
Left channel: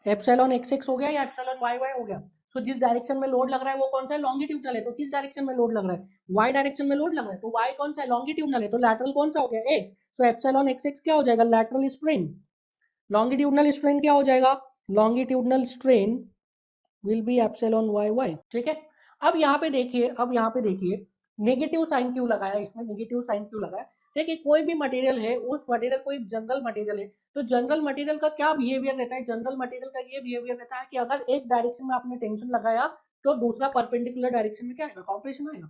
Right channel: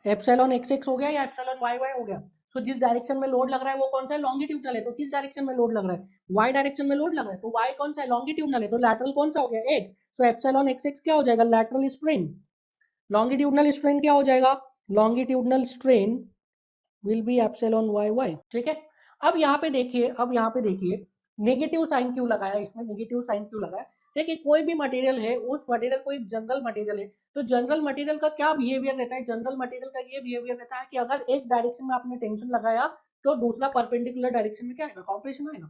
एप्सिलॉन XX हो गया या एप्सिलॉन YY हो गया. सो जिस डायरेक्शन में लोड लग रहा है वो कौन सा है, लॉन्गिट्यूडनल है. तो किस डायरेक्शन में लोड लग रहा है, Y डायरेक्शन में लोड लग रहा है, तो Y कौन सा है, लॉन्गिट्यूडनल है. तो लैटरल कौन सा हो गया, X. सो एप्सिलॉन XX क्या हो जाएगा, लैटरल स्ट्रेन. लॉन्गिट्यूडनल स्ट्रेन क्या हो जाएगा, longitudinal strain will B epsilon YY. ठीक है. अब यहाँ पे देखिए, अब यहाँ पे देखिए नेगेटिव साइन क्यों लगाया, इसमें नेगेटिव साइन क्यों लगाया. देखिए कोई भी मटेरियल है, उस मटेरियल को एक जनरल मटेरियल है, तो जनरल मटेरियल का क्या बिहेवियर रहता है, जनरल मटेरियल का ये बिहेवियर रहता है कि अगर एक डायरेक्शन में आपने टेंशन लगाया तो दूसरा परपेंडिकुलर डायरेक्शन में क्या आएगा, कॉम्प्रेशन आएगा.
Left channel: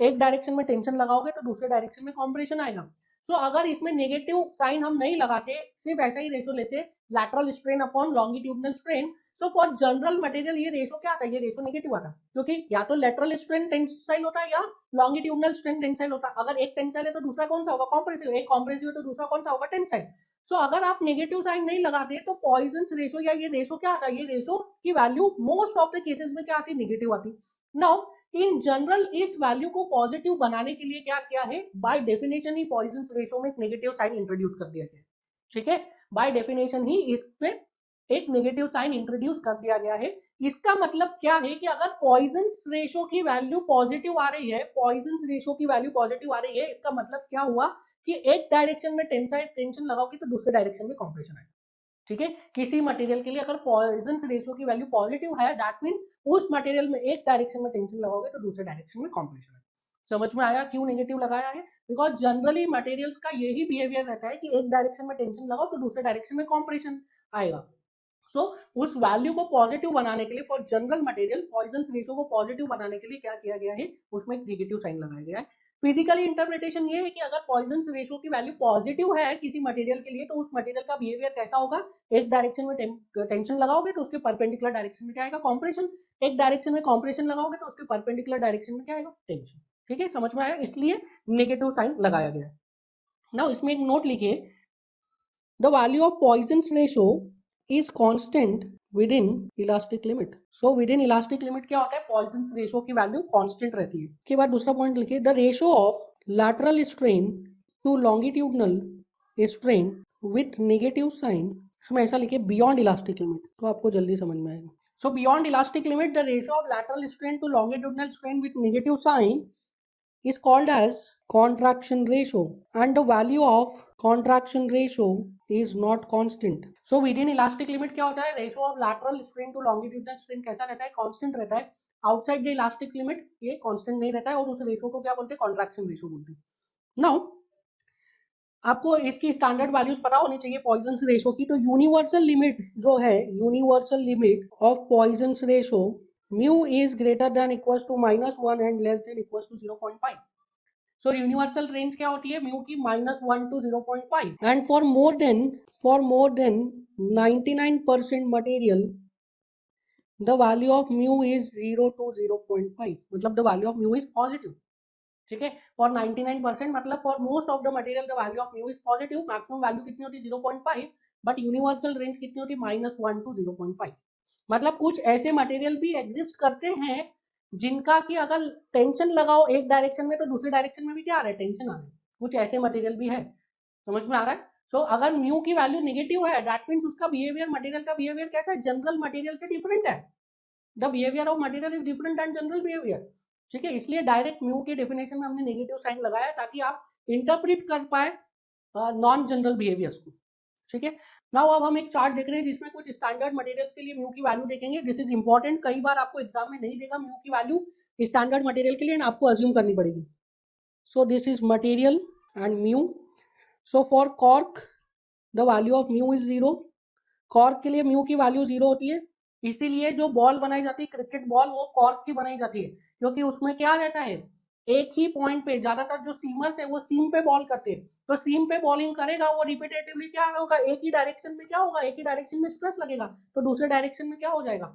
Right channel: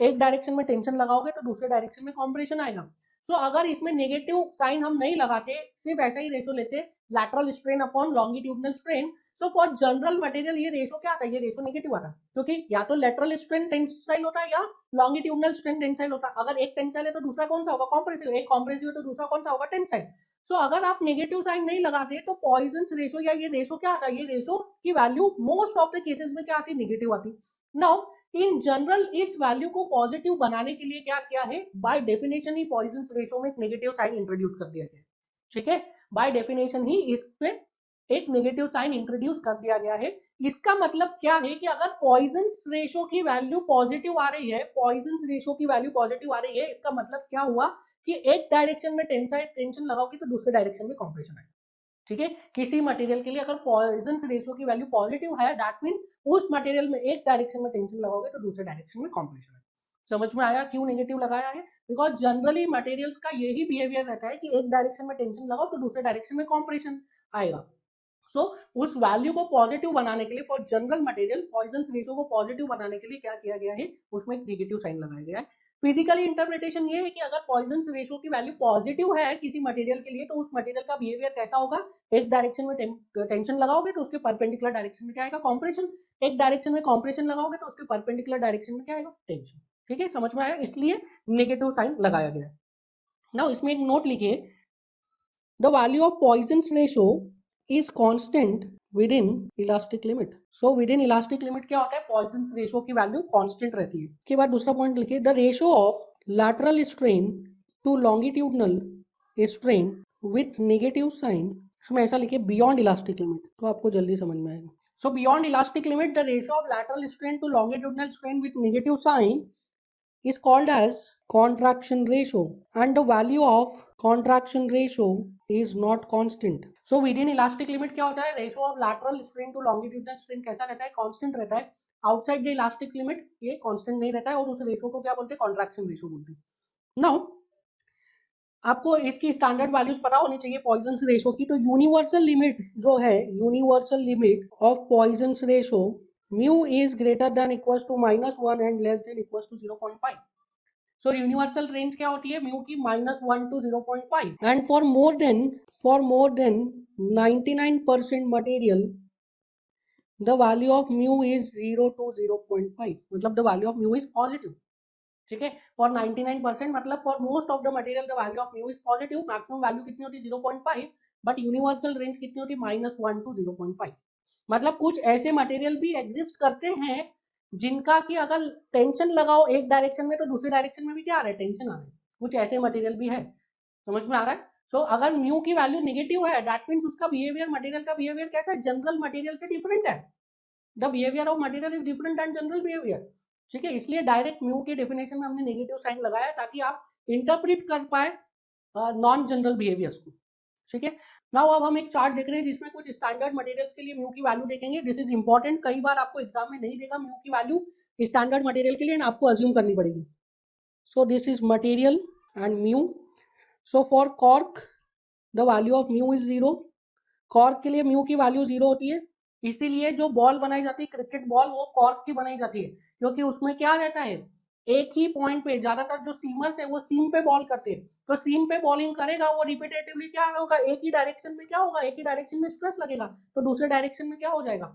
एक डायरेक्शन में टेंशन लगाओगे तो दूसरे डायरेक्शन में कॉम्प्रेशन आएगा. सो अगर इसमें नेगेटिव साइन हम नहीं लगाते, सिर्फ ऐसा ही रेशो लेते lateral strain upon longitudinal strain, so for general material ये रेशो क्या आता है, ये रेशो नेगेटिव आता है, क्योंकि या तो लैटरल स्ट्रेन टेंसाइल होता है या लॉन्गिट्यूडनल स्ट्रेन टेंसाइल होता है. अगर एक टेंसाइल है तो दूसरा कौन सा होगा, कॉम्प्रेसिव. एक कॉम्प्रेसिव है तो दूसरा कौन सा होगा, टेंसाइल. सो अगर आप नेगेटिव साइन नहीं लगाते तो पॉइजन्स रेशो या ये रेशो क्या आता है, ये रेशो की value most of the cases में क्या आती है, नेगेटिव आती. नाउ इन जनरल इस वैल्यू को पॉजिटिव बनाने के लिए क्या किया है, बाय डेफिनेशन ही पॉइजन्स रेशो में एक नेगेटिव साइन इंट्रोड्यूस कर दिया गया. ठीक है, बाय डेफिनेशन ही इसमें एक नेगेटिव साइन इंट्रोड्यूस कर दिया गया है. इसका मतलब क्या है कि अगर पॉइजन्स रेशो की वैल्यू पॉजिटिव आ रही है, पॉइजन्स रेशो की वैल्यू पॉजिटिव आ रही है, इसका मतलब क्या हुआ कि एक डायरेक्शन में टेंशन लगाओगे तो दूसरे डायरेक्शन में कॉम्प्रेशन आएगा. ठीक है, किसी मटेरियल के लिए अगर पॉइजन्स रेशियो की वैल्यू पॉजिटिव है दैट मीन उस मटेरियल में एक डायरेक्शन में टेंशन लगाओगे तो दूसरे डायरेक्शन में कॉम्प्रेशन है. समझ में आया क्यों नेगेटिव लगाया है, बिकॉज जनरली मटेरियल्स का यही बिहेवियर रहता है कि एक डायरेक्शन में टेंशन लगाओ तो दूसरे डायरेक्शन में कॉम्प्रेशन आएगा. सो उस वैल्यू को पॉजिटिव बनाने के लिए for general material Poisson's ratio को पॉजिटिव बनाने के लिए क्या किया गया है, उसमें एक नेगेटिव साइन लगाया गया है. फिजिकली इंटरप्रिटेशन ये है कि अगर पॉइजन्स रेशियो की वैल्यू पॉजिटिव है किसी मटेरियल के लिए तो उस मटेरियल का बिहेवियर कैसा होगा, एक डायरेक्शन में टेंशन लगाओगे तो उसके परपेंडिकुलर डायरेक्शन में क्या आएगा, कॉम्प्रेशन. एक डायरेक्शन में कॉम्प्रेशन लगाओगे तो उसके परपेंडिकुलर डायरेक्शन में क्या आएगा, टेंशन. ठीक है, समझ में आया, इसलिए नेगेटिव साइन लगाया गया है. नाउ इसमें एक नोट लिखिए, the value of Poisson's ratio is constant within elastic limit. So within elastic limit क्या होता है, Poisson's ratio की वैल्यू कांस्टेंट रहती है. के बाद दूसरा पॉइंट लिखिए, the ratio of lateral strain to longitudinal strain with negative sign इसमें ऐसा लिखिए बियॉन्ड इलास्टिक लिमिट, तो आपको जल्दी समझ में आएगा. So beyond elastic limit, the ratio of lateral strain to longitudinal strain with negative sign is called as contraction ratio, and the value of contraction ratio is not constant. So within elastic limit क्या होता है, ratio of lateral strain to longitudinal strain कैसा रहता है, constant रहता है. Outside the elastic limit ये constant नहीं रहता है, और उस ratio को क्या बोलते हैं, contraction ratio बोलते हैं. Now आपको इसकी स्टैंडर्ड वैल्यूज पता होनी चाहिए पॉइजन रेशो की. तो यूनिवर्सल लिमिट जो है, universal limit of Poisson ratio mu is greater than equals to -1 and less than equals to 0.5. So universal range क्या होती है म्यू की, -1 to 0.5. And for more than 99% material the value of mu is 0 to 0.5, मतलब the value of mu is positive. ठीक है, for 99% मतलब for most of the material the value of mu is positive. Maximum value कितनी होती है, 0.5. But universal range कितनी होती है, -1 to 0.5. मतलब कुछ ऐसे मटेरियल भी एग्जिस्ट करते हैं जिनका कि अगर टेंशन लगाओ एक डायरेक्शन में तो दूसरे डायरेक्शन में भी क्या आ रहा है, टेंशन आ रहा है. कुछ ऐसे मटेरियल भी है. समझ में आ रहा है. सो अगर म्यू की वैल्यू नेगेटिव है, दैट मींस उसका बिहेवियर, मटेरियल का बिहेवियर कैसा है, जनरल मटेरियल से डिफरेंट है. The behaviour of material is different than general behaviour. ठीक है, इसलिए डायरेक्ट म्यू के डेफिनेशन में हमने नेगेटिव साइन लगाया ताकि आप इंटरप्रेट कर पाए नॉन जनरल बिहेवियर्स को. ठीक है, नाउ अब हम एक चार्ट देख रहे हैं जिसमें कुछ स्टैंडर्ड मटेरियल्स के लिए म्यू की वैल्यू देखेंगे. दिस इज इंपॉर्टेंट, कई बार आपको एग्जाम में नहीं देगा म्यू की वैल्यू स्टैंडर्ड मटेरियल के लिए, आपको अज्यूम करनी पड़ेगी. सो this is material and mu. So for cork the value of mu is 0. Cork के लिए म्यू की वैल्यू 0 होती है. इसीलिए जो बॉल बनाई जाती है क्रिकेट बॉल, वो कॉर्क की बनाई जाती है, क्योंकि उसमें क्या रहता है, एक ही पॉइंट पे, ज्यादातर जो सीमर्स है वो सीम पे बॉल करते हैं. तो सीम पे बॉलिंग करेगा वो रिपीटेटिवली, क्या होगा, एक ही डायरेक्शन में क्या होगा, एक ही डायरेक्शन में स्ट्रेस लगेगा, तो दूसरे डायरेक्शन में क्या हो जाएगा,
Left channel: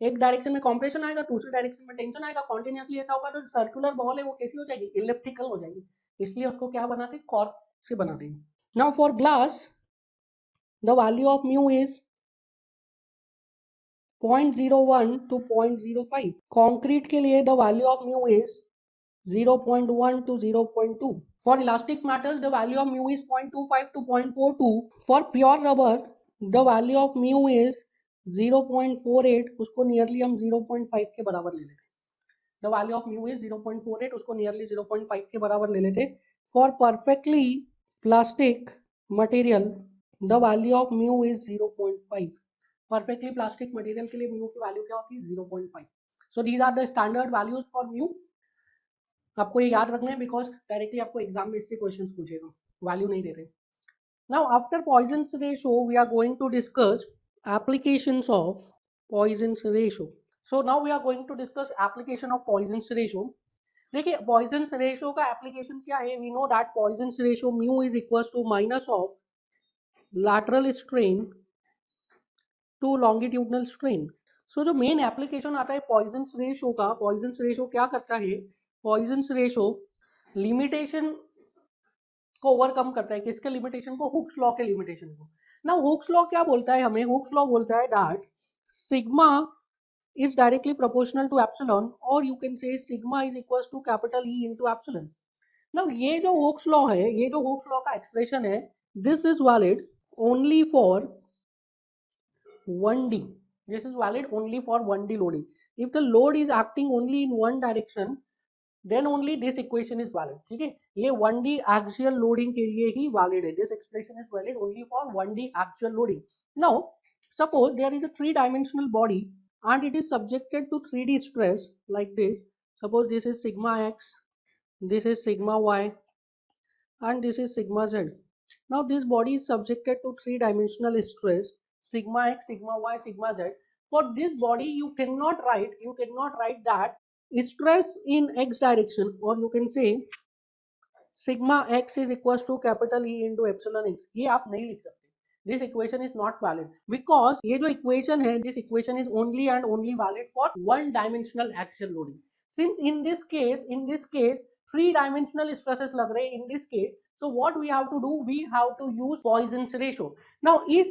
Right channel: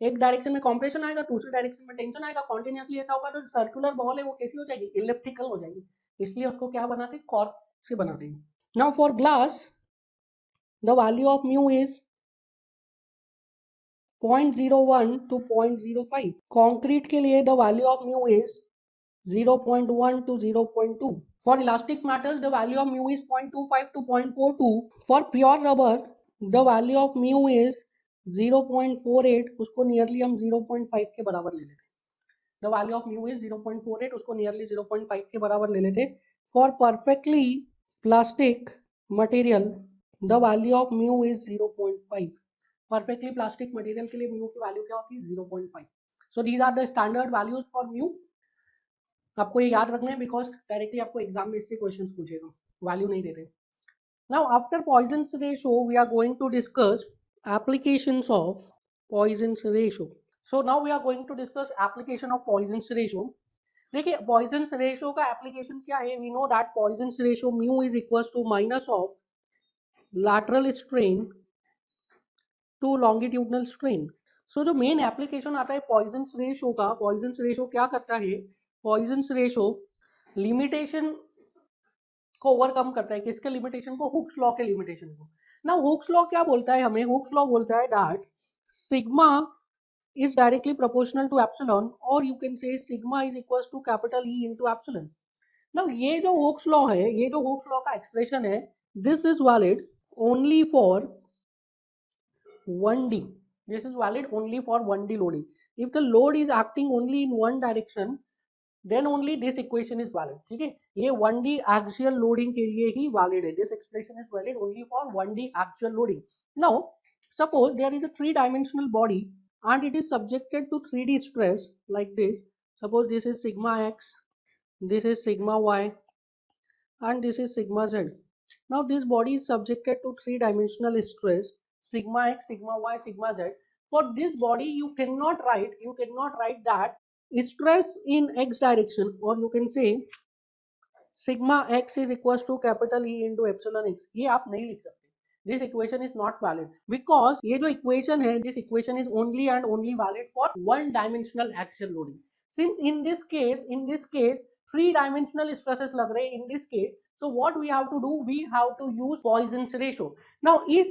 एक डायरेक्शन में कॉम्प्रेशन आएगा, दूसरे डायरेक्शन में टेंशन आएगा. कॉन्टिन्यूसली ऐसा होगा तो सर्कुलर बॉल है वो कैसी हो जाएगी, इलिप्टिकल हो जाएगी. इसलिए उसको क्या बनाते हैं, कॉर्क से बनाते हैं. Now for glass the value of mu is 0.01 to 0.05. Concrete के लिए the value of mu is 0.1 to 0.2. For elastic matters the value of mu is 0.25 to 0.42. For pure rubber the value of mu is 0.48. उसको nearly हम 0.5 के बराबर ले लेते. The value of mu is 0.48, उसको nearly 0.5 के बराबर ले लेते. For perfectly plastic material the value of mu is 0.5. Perfectly plastic material के लिए म्यू की वैल्यू क्या होती है, 0.5. So these are the standard values for mu. आपको ये याद रखना है बिकॉज डायरेक्टली आपको एग्जाम में इससे क्वेश्चंस पूछेगा, वैल्यू नहीं दे रहे. Now after Poisson's ratio we are going to discuss applications of Poisson's ratio. So now we are going to discuss application of Poisson's ratio. देखिए पॉइजन्स रेशियो का application क्या है, we know that Poisson's ratio mu is equals to minus of lateral strain to longitudinal strain. So जो main application आता है Poisson's ratio का, Poisson's ratio क्या करता है, पॉइजन्स रेशियो लिमिटेशन को ओवरकम करता है. किसके लिमिटेशन को, हुक्स लॉ के लिमिटेशन को. ना हुक्स लॉ क्या बोलता है हमें, हुक्स लॉ बोलता है that sigma is directly proportional to epsilon, or you can say sigma is equals to capital E into epsilon. Now ये जो हुक्स लॉ है, ये जो हुक्स लॉ का एक्सप्रेशन है, this is valid only for 1D. This is valid only for 1D loading. If the load is acting only in one direction, then only this equation is valid. ठीक है, ये 1D axial loading के लिए ही valid है. This expression is valid only for 1D axial loading. Now, suppose there is a three-dimensional body and it is subjected to 3D stress like this. Suppose this is sigma x, this is sigma y, and this is sigma z. Now this body is subjected to three-dimensional stress, sigma x, sigma y, sigma z. For this body you cannot write that stress in x direction, or you can say sigma x is equals to capital E into epsilon x. ये आप नहीं लिख सकते. This equation is not valid because ये जो equation है, this equation is only and only valid for one-dimensional axial loading. Since in this case, three-dimensional stresses लग रहे हैं in this case, so what we have to do, we have to use Poisson's ratio. Now इस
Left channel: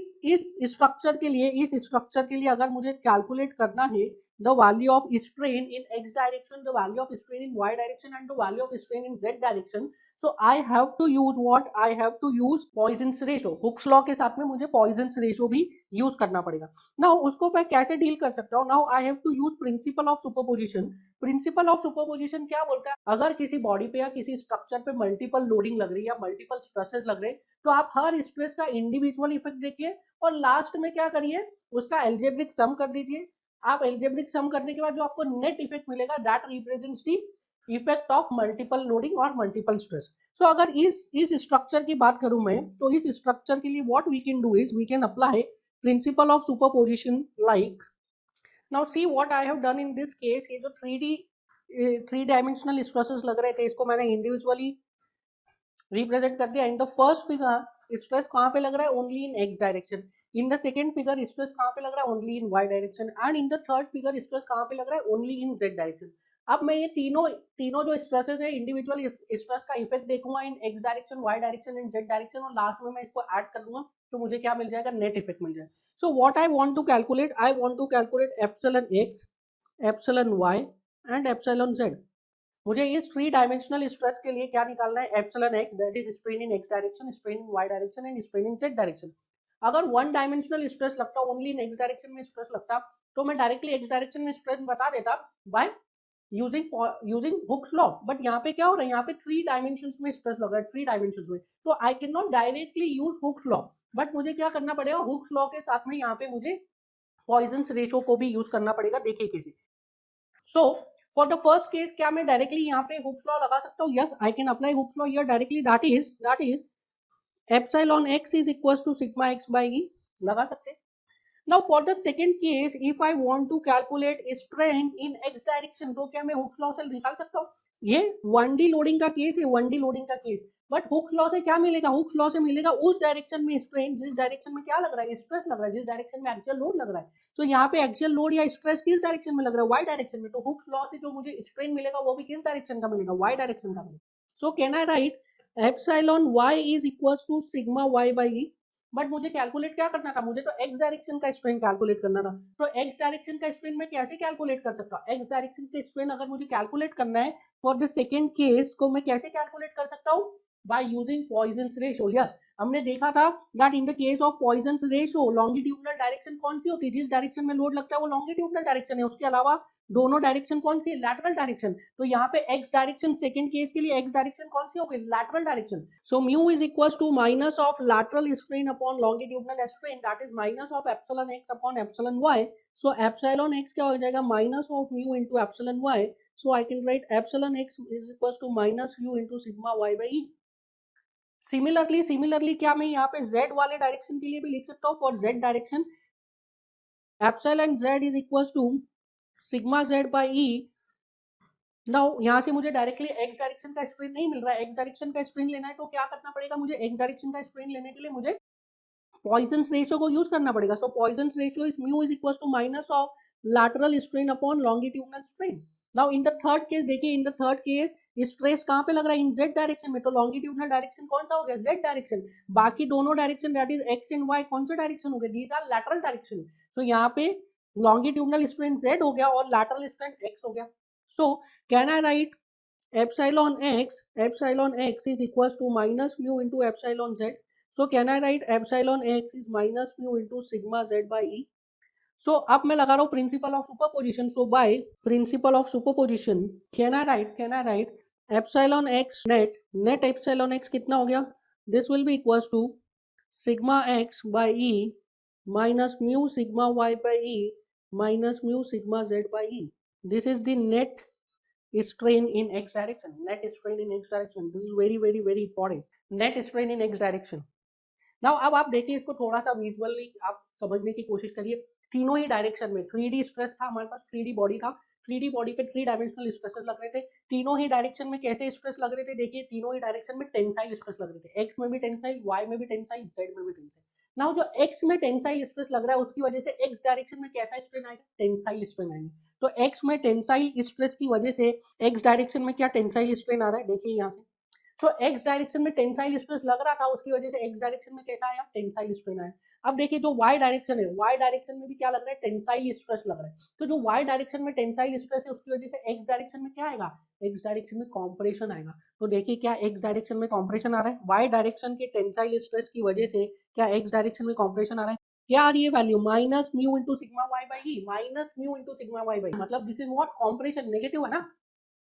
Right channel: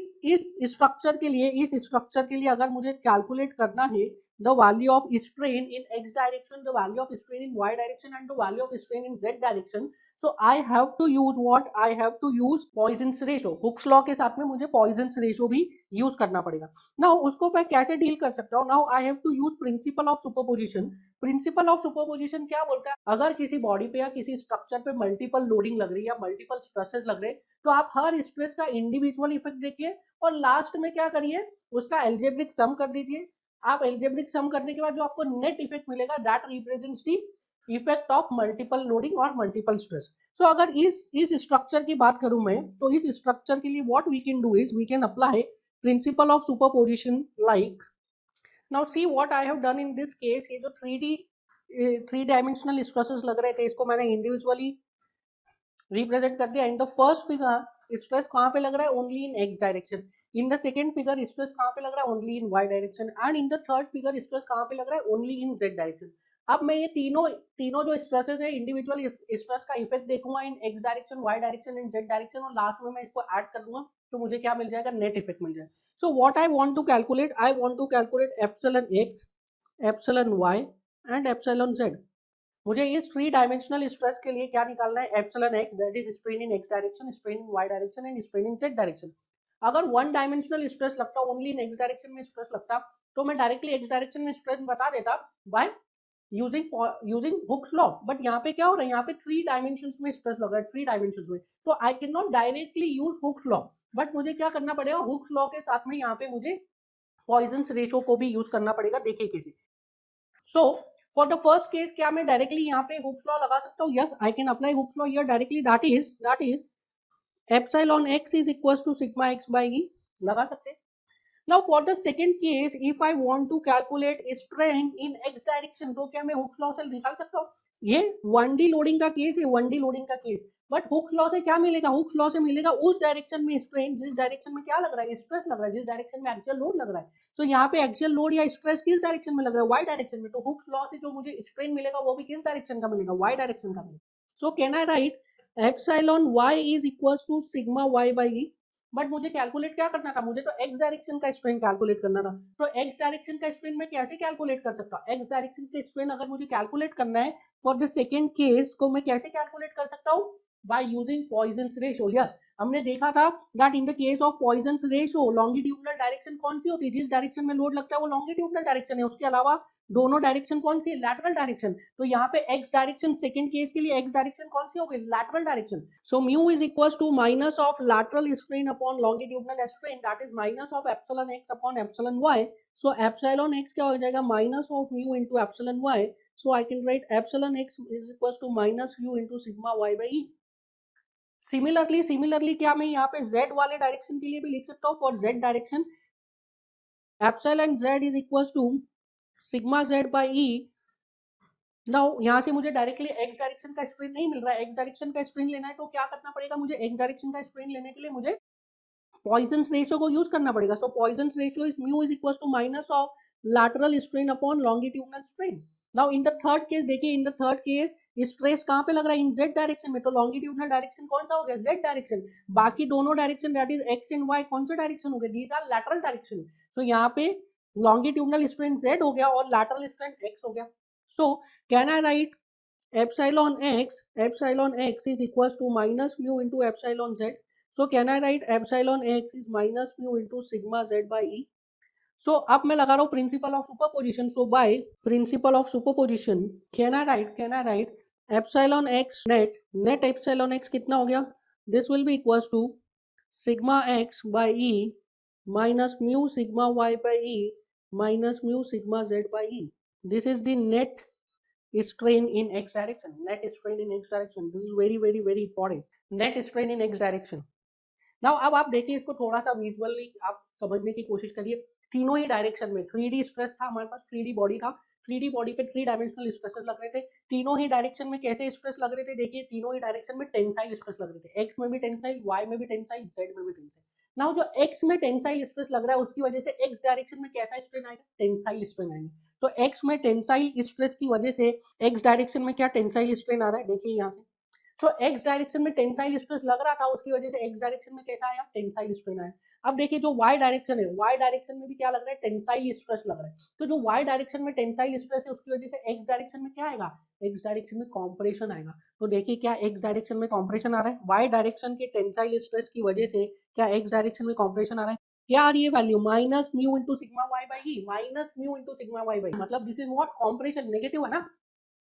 structure के लिए अगर मुझे calculate करना है the value of strain in x direction, the value of strain in y direction and the value of strain in z direction, so I have to use what, I have to use Poisson's ratio. Hooke's law के साथ में मुझे poisons ratio भी use करना पड़ेगा। Now उसको मैं कैसे डील कर सकता हूँ? Now I have to use principle of superposition. Principle of superposition क्या बोलता है? अगर किसी बॉडी पे या किसी स्ट्रक्चर पे मल्टीपल लोडिंग लग रही है या मल्टीपल स्ट्रेसेस लग रहे हैं, तो आप हर स्ट्रेस का इंडिविजुअल इफेक्ट देखिए और लास्ट में क्या करिए, उसका एल्जेब्रिक सम कर दीजिए। आप एल्जेब्रिक सम करने के बाद जो आपको नेट इफेक्ट मिलेगा, that represents the effect of multiple loading और मल्टीपल स्ट्रेस। सो अगर इस स्ट्रक्चर की बात करूं मैं, तो इस स्ट्रक्चर के लिए what we can do is we can apply principle of superposition like. Now see what I have done in this case. ये जो 3 डायमेंशनल स्ट्रेसेस लग रहे थे, इसको मैंने इंडिविजुअली रिप्रेजेंट कर दिया। In the first figure stress कहां पे लग रहा है? Only in x direction. In the second figure stress कहां पे लग रहा है? Only in y direction. And in the third figure stress कहां पे लग रहा है? Only in z direction. अब मैं ये तीनों तीनों जो स्ट्रेसेस है, इंडिविजुअल स्ट्रेस का इफेक्ट देखूंगा in x direction, Y direction and Z direction, और लास्ट में मैं इसको ऐड कर दूंगा तो मुझे क्या मिल जाएगा? नेट इफेक्ट मिल जाएगा। So what I want to calculate, I want to calculate epsilon x, epsilon y and epsilon z. मुझे इस 3 डायमेंशनल स्ट्रेस के लिए क्या निकालना है? Epsilon x, that is strain in x direction, strain in y direction and strain in z direction. अगर 1 dimensional stress लगता, only in x direction में स्ट्रेस लगता, तो मैं डायरेक्टली एक्स डायरेक्शन में स्ट्रेस बता देता by using Hooke's law. But यहाँ पे क्या हो रहा है? यहाँ पे 3 डायमेंशंस में स्ट्रेस लग रहा है, 3 डायमेंशंस में, तो I can not directly use hooks law. But मुझे क्या करना पड़ेगा? हुक्स लॉ के साथ में यहाँ पे मुझे पॉइजन्स रेशो को भी यूज करना पड़ेगा। देखिए कैसे। So for the first case, क्या मैं डायरेक्टली यहाँ पे हुक्स लॉ लगा सकता हूँ? Yes, I can apply Hooke's law here directly. That is epsilon X is equal to sigma X by E. लगा सकते हैं। Now for the second case, if I want to calculate strain in x direction, तो क्या मैं Hooke's law से निकाल सकता हूँ? ये 1D लोडिंग का केस है, 1D लोडिंग का केस। बट हुक्स लॉ से क्या मिलेगा? हुक्स लॉ से मिलेगा उस डायरेक्शन में स्ट्रेन जिस डायरेक्शन में क्या लग रहा है? स्ट्रेस लग रहा है, जिस डायरेक्शन में एक्सियल लोड लग रहा है। सो यहाँ पे एक्सियल लोड या स्ट्रेस किस डायरेक्शन में लग रहा है? वाई डायरेक्शन में। तो हुक्स लॉ से जो मुझे स्ट्रेन मिलेगा वो भी किस डायरेक्शन का मिलेगा? वाई डायरेक्शन का मिलेगा। So can I write epsilon y is equal to sigma Y by E. But मुझे कैलकुलेट क्या करना था? मुझे तो एक्स डायरेक्शन का स्ट्रेन कैलकुलेट करना था। तो एक्स डायरेक्शन का स्ट्रेन मैं कैसे कैलकुलेट कर सकता? एक्स डायरेक्शन का स्ट्रेन अगर मुझे कैलकुलेट करना है फॉर द सेकंड केस, को मैं कैसे कैलकुलेट कर सकता हूँ? By using Poisson's ratio. Yes, हमने देखा था that in the case of Poisson's ratio, longitudinal direction कौन सी होती है? जिस डायरेक्शन में लोड लगता है वो लॉन्गिट्यूडनल डायरेक्शन है, उसके अलावा दोनों डायरेक्शन कौन सी? Lateral direction. तो यहाँ पे एक्स डायरेक्शन, सेकंड केस के लिए एक्स डायरेक्शन कौन सी हो गई? Lateral direction. So mu is equals to minus of lateral strain upon longitudinal strain, that is minus of epsilon x upon epsilon y. So epsilon x क्या हो जाएगा? Minus of mu into epsilon y. So I can write epsilon x is equals to minus mu into sigma y by e. Similarly क्या मैं यहाँ पे z वाले direction के लिए भी लिख सकता हूँ? For z direction epsilon z is equals to sigma z by e. Now यहाँ से मुझे डायरेक्टली एक्स डायरेक्शन का स्ट्रेन नहीं मिल रहा है। एक्स डायरेक्शन का स्ट्रेन लेना है तो क्या करना पड़ेगा मुझे? एक्स डायरेक्शन का स्ट्रेन लेने के लिए मुझे पॉइजन्स रेशियो को यूज करना पड़ेगा। So Poisson's ratio is mu is equal to minus of lateral strain upon longitudinal strain. Now in the third case देखिए, in the third case stress कहाँ पे लग रहा है? इन जेड डायरेक्शन में। तो लॉन्गिट्यूडनल डायरेक्शन कौन सा हो गया? Z direction. बाकी दोनों direction that is X and Y कौन सा डायरेक्शन हो गया? These are lateral direction. So यहाँ पे लॉन्गिट्यूडनल स्ट्रेन जेड हो गया और लैटरल स्ट्रेन एक्स हो गया। सो can I write epsilon x is equals to minus mu into epsilon z. So can I write epsilon x is minus mu into sigma z by e. So अब मैं लगा रहा हूँ principle of superposition. So by principle of superposition can I write epsilon x net epsilon x कितना हो गया? This will be equals to sigma x by e minus mu sigma y by e minus mu sigma z by e. This is the net strain in x direction. Net strain in x direction, this is very important. Net strain in x direction. Now अब आप देखिए इसको थोड़ा सा visually आप समझने की कोशिश करिए। तीनों ही डायरेक्शन में 3D स्ट्रेस था हमारे पास, 3D बॉडी था, 3D बॉडी पे 3 डायमेंशनल स्ट्रेसेस लग रहे थे। तीनों ही डायरेक्शन में कैसे स्ट्रेस लग रहे थे? देखिए तीनों ही डायरेक्शन में टेंसाइल स्ट्रेस लग रहे थे। एक्स में भी टेंसाइल, वाई में भी टेंसाइल, जेड में भी टेंसाइल। नाउ जो एक्स में टेंसाइल स्ट्रेस लग रहा है उसकी वजह से एक्स डायरेक्शन में कैसा स्ट्रेन आएगा? टेंसाइल स्ट्रेन आएगा। तो एक्स में टेंसाइल स्ट्रेस की वजह से एक्स डायरेक्शन में क्या टेंसाइल स्ट्रेन आ रहा है? देखिए यहाँ से। तो एक्स डायरेक्शन में टेंसाइल स्ट्रेस लग रहा था, उसकी वजह से एक्स डायरेक्शन में कैसा आया? टेंसाइल स्ट्रेन आया। अब देखिए जो y डायरेक्शन है, y डायरेक्शन में भी क्या लग रहा है, टेंसाइल स्ट्रेस लग रहा है। तो जो y डायरेक्शन में टेंसाइल स्ट्रेस है उसकी वजह से x डायरेक्शन में क्या आएगा, x डायरेक्शन में कॉम्प्रेशन आएगा। तो देखिए क्या x डायरेक्शन में कॉम्प्रेशन आ रहा है, y डायरेक्शन के टेंसाइल स्ट्रेस की वजह से क्या x डायरेक्शन में कॉम्प्रेशन आ रहा है। क्या आ रही है value, minus mu into sigma Y by E, minus mu into sigma Y by, मतलब this is what, compression negative है ना।